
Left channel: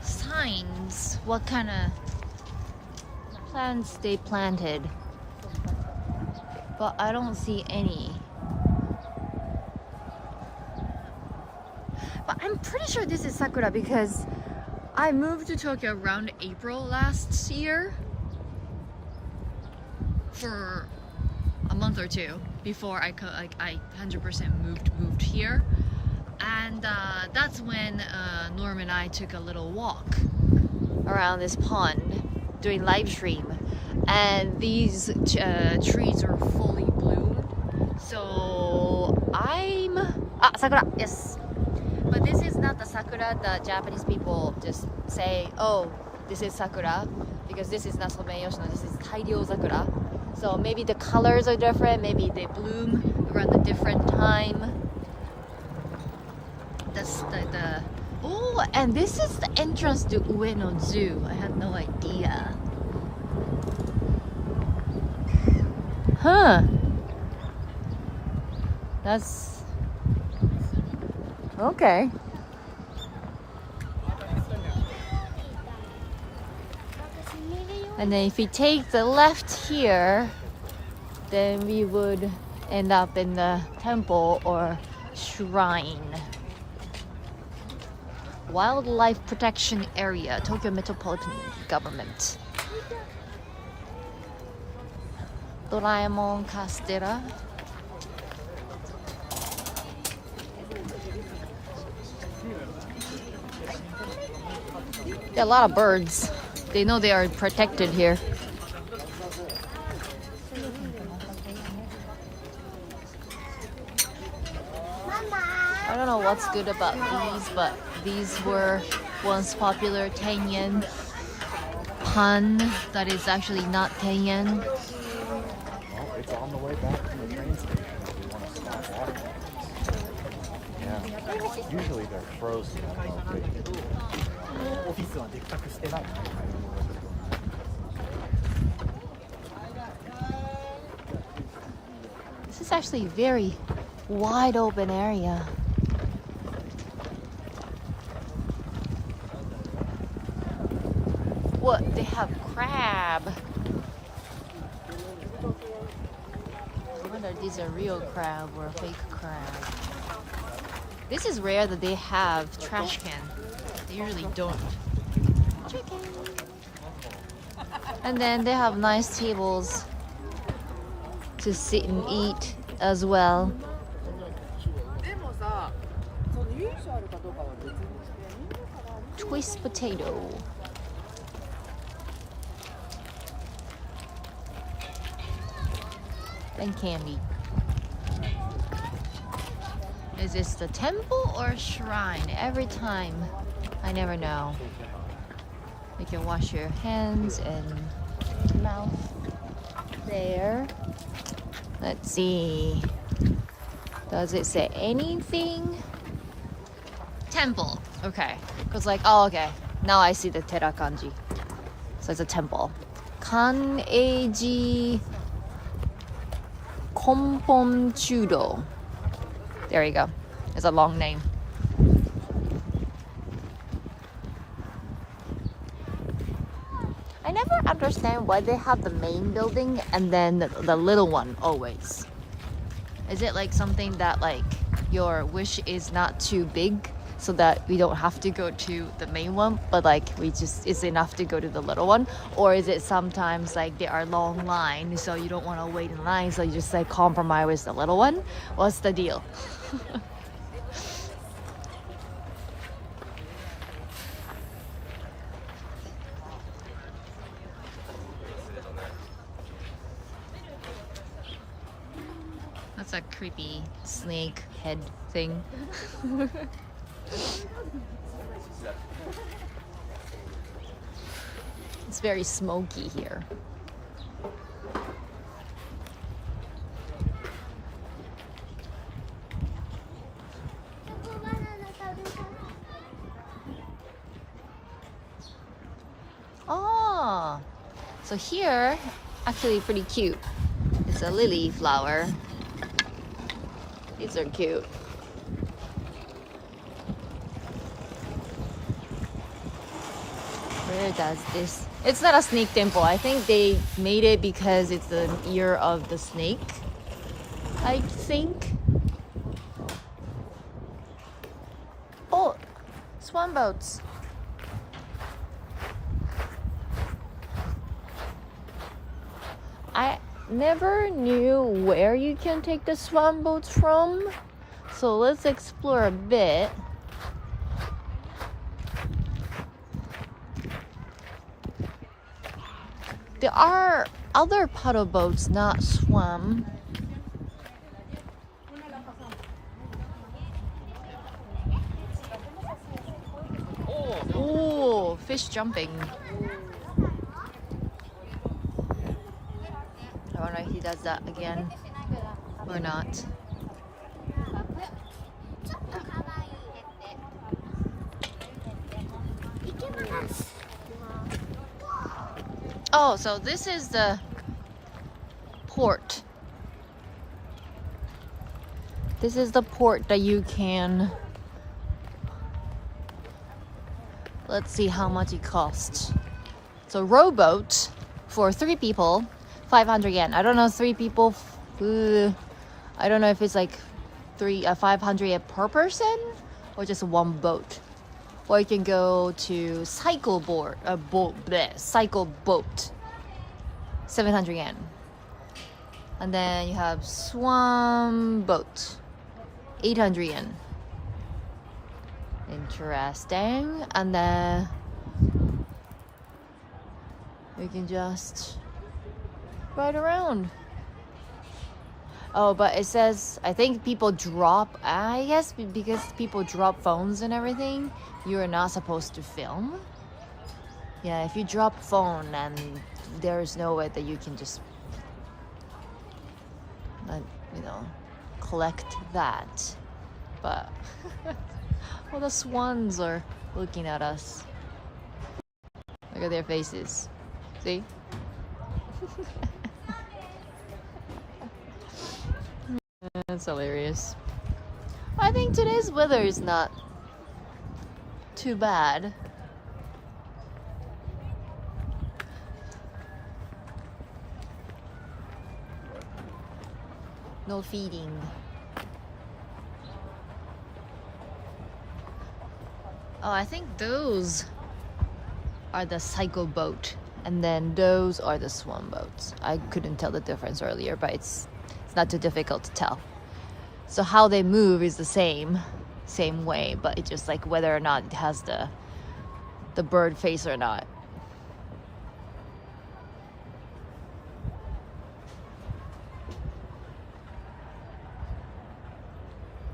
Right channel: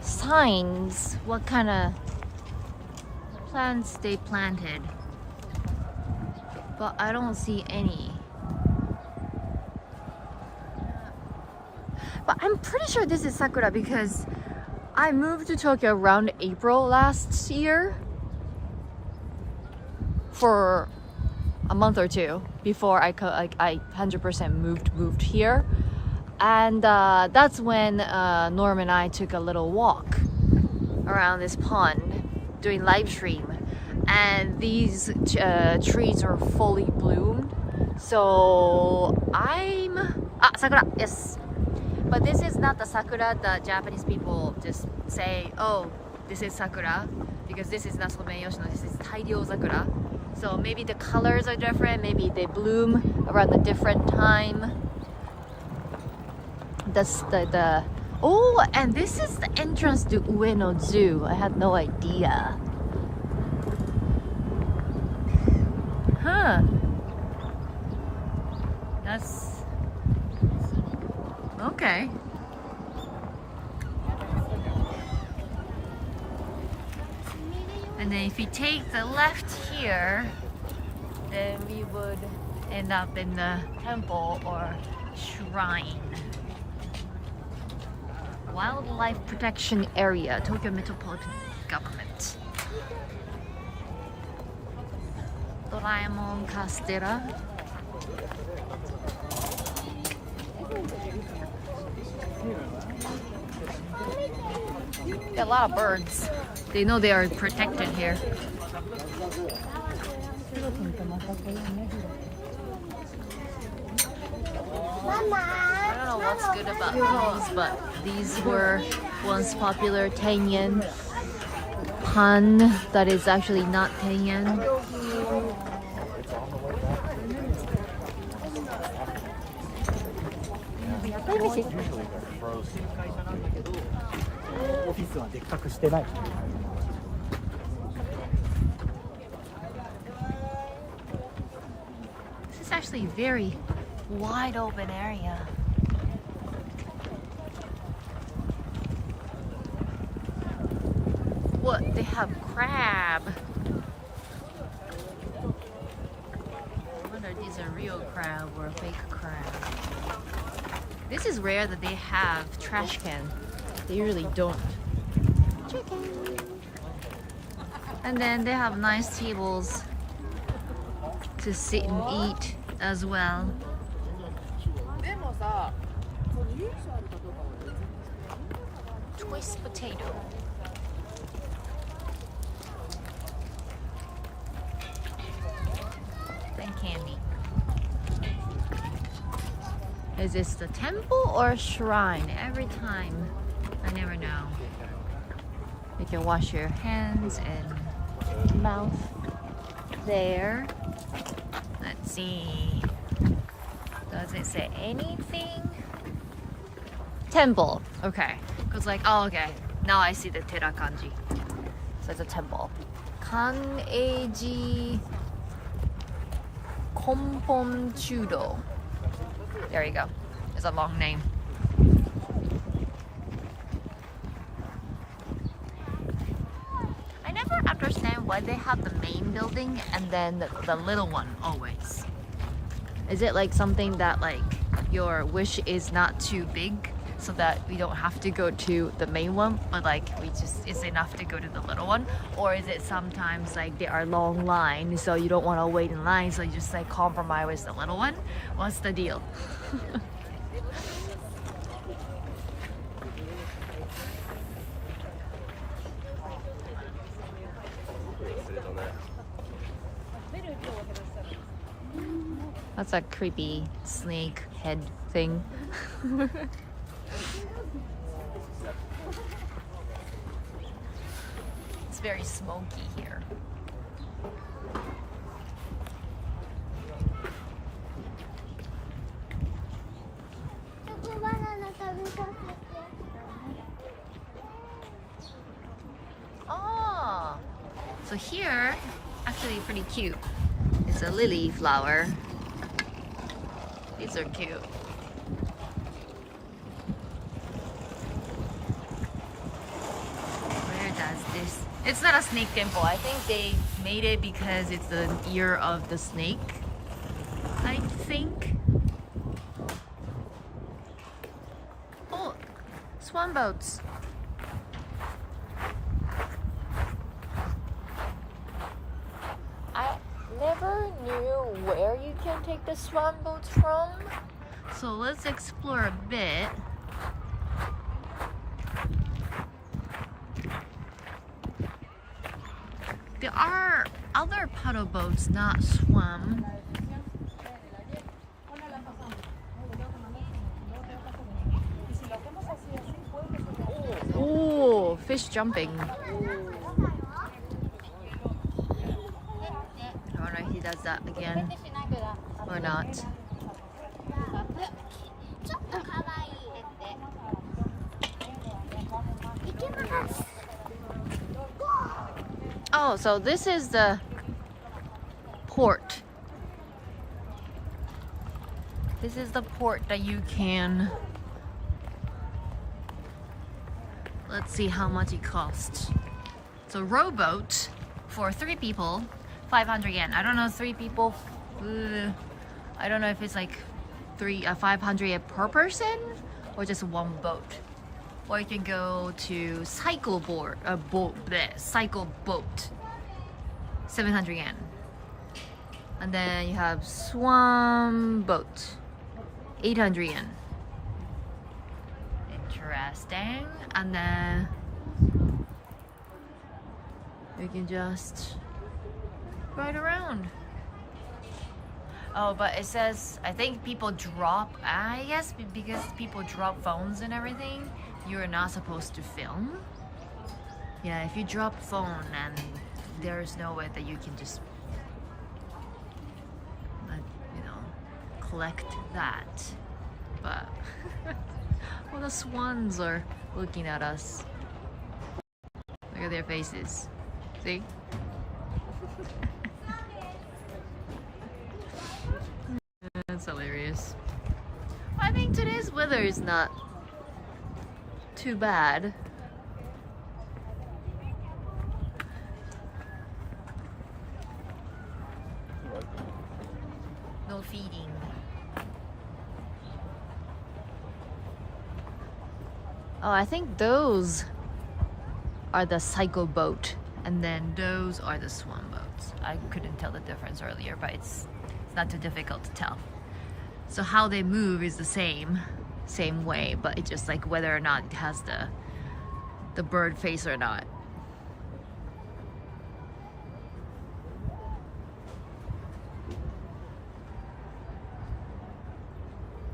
signs what kind of plants they planted, but I don't see any. But I'm pretty sure this is sakura because I moved to Tokyo around April last year for a month or two before I 100% moved here. And that's when Norm and I took a little walk around this pond doing live stream, and these trees are fully bloomed. So sakura, yes. But this is not the sakura that Japanese people just say, oh, this is sakura, because this is not someyoshino, this is tairyo sakura. So maybe the colors are different, maybe they bloom around a different time. That's the oh, and this is the entrance to Ueno Zoo. I had no idea. Huh. That's okay. And then if we take the left here, then we would end up in the temple or shrine. Wildlife Protection Area, Tokyo Metropolitan Government. Doraemon Castera. There are a lot of birds. They know they are protected here. I don't know what's good about these, but these were once popular 10 yen pun that is actually not 10 yen. This is actually a very wide open area. What? They have crab. I wonder if these are real crab or fake crab. This is rare that they have trash can. They usually don't. Chicken. And then they have nice tables to sit and eat as well. Twist potato. And candy. Is this the temple or shrine? Every time, I never know. You can wash your hands and mouth there. Let's see. Does it say anything? Temple. Okay. Because like, oh, okay. Now I see the tera kanji. So it's a temple. Kan-eiji Konpon Chudo. There you go. It's a long name. I never understand why they have the main building and then the little one always. Is it like something that like your wish is not too big so that we don't have to go to the main one, but like it's enough to go to the little one? Or is it sometimes like there are long lines so you don't want to wait in line, so you just like compromise with the little one? What's the deal? That's a creepy snake head thing. It's very smoky here. Oh, so here, actually pretty cute. It's a lily flower. These are cute. Where does this? It's not a snake temple. I think they made it because it's the year of the snake, I think. Oh, swan boats. I never knew where you can take the swan boats from. So let's explore a bit. There are other paddle boats, not swan. Oh, fish jumping. I wonder if he does that again or not. Oh, so this is the port. This is the port that you can... Let's see how much it costs. So rowboat for 3 people, 500 yen. I don't know, 3 people. I don't know if it's like 500 yen per person or just one boat. Or you can go to cycle boat, cycle boat, 700 yen. And then you have swan boat, 800 yen. And interesting. And then we can just ride around. Oh, but it says, I think people drop, I guess because people drop phones and everything, you are not supposed to film. Yeah, if you drop phone, then there is no way that you can just, you know, collect that. But, well, the swans are looking at us. Look at their faces. See? That's hilarious. I think today's weather is not too bad. No feeding. Oh, I think those are the cycle boat, and then those are the swan boats. I couldn't tell the difference earlier, but it's not too difficult to tell. So how they move is the same way, but it's just like whether or not it has the bird face or not.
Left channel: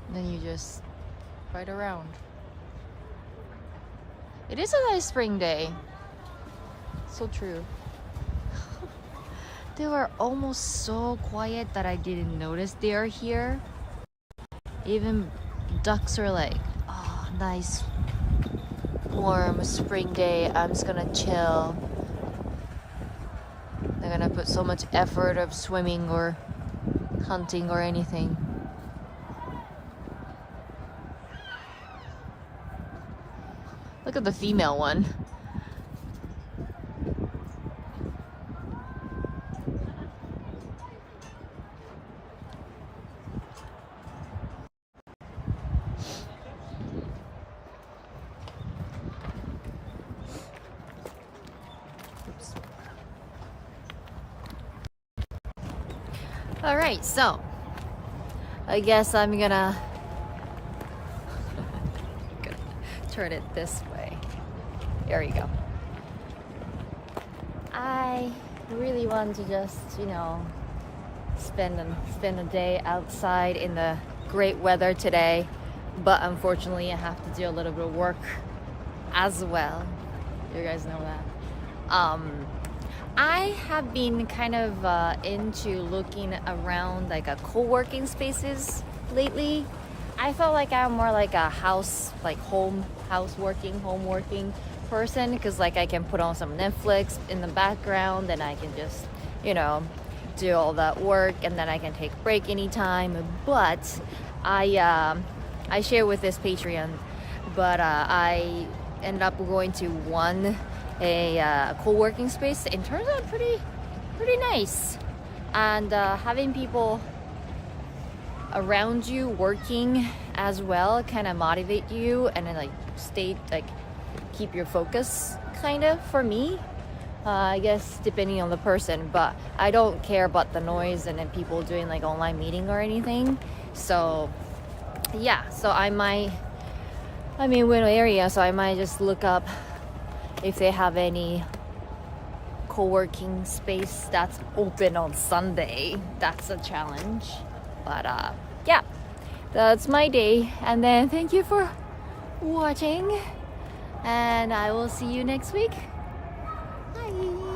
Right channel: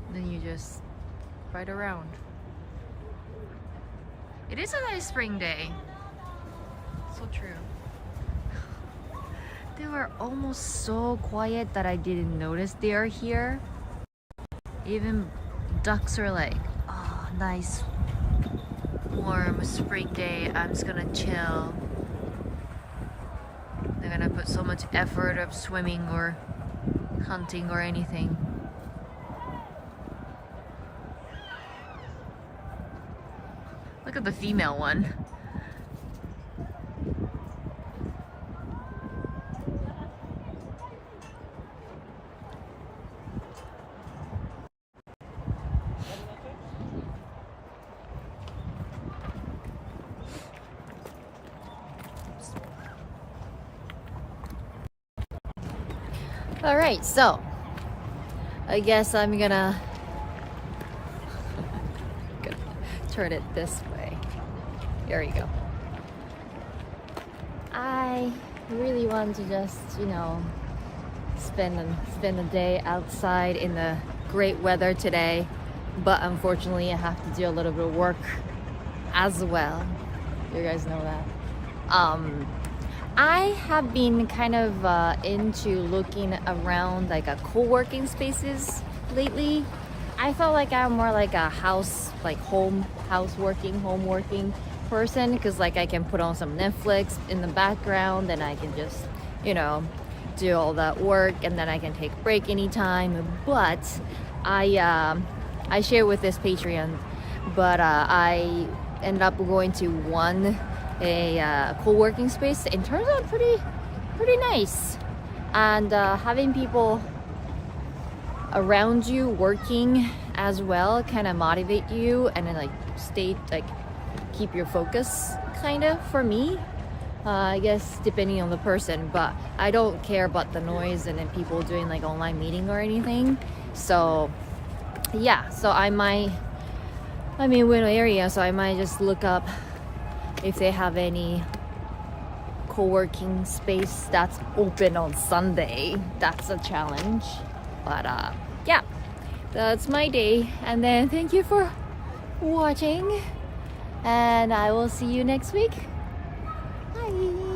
And then you just ride around. It is a nice spring day. So true. They were almost so quiet that I didn't notice they are here. Even ducks are like, oh, nice warm spring day. I'm just gonna chill. They're gonna put so much effort of swimming or hunting or anything. Look at the female one. All right, so I guess I'm gonna turn it this way. There we go. I really want to just, you know, spend a day outside in the great weather today, but unfortunately I have to do a little bit of work as well. You guys know that. I have been kind of into looking around like a co-working spaces lately. I felt like I'm more like a home working person, because like I can put on some Netflix in the background and I can just, you know, do all that work, and then I can take a break anytime. But I share with this Patreon, but I ended up going to a co-working space. It turns out pretty nice, and having people around you working as well kind of motivate you, and then keep your focus kind of, for me. I guess depending on the person, but I don't care about the noise and then people doing like online meeting or anything. So yeah, so I'm in Ueno area, so I might just look up if they have any co-working space that's open on Sunday. That's a challenge, but yeah, that's my day. And then thank you for watching, and I will see you next week. Bye.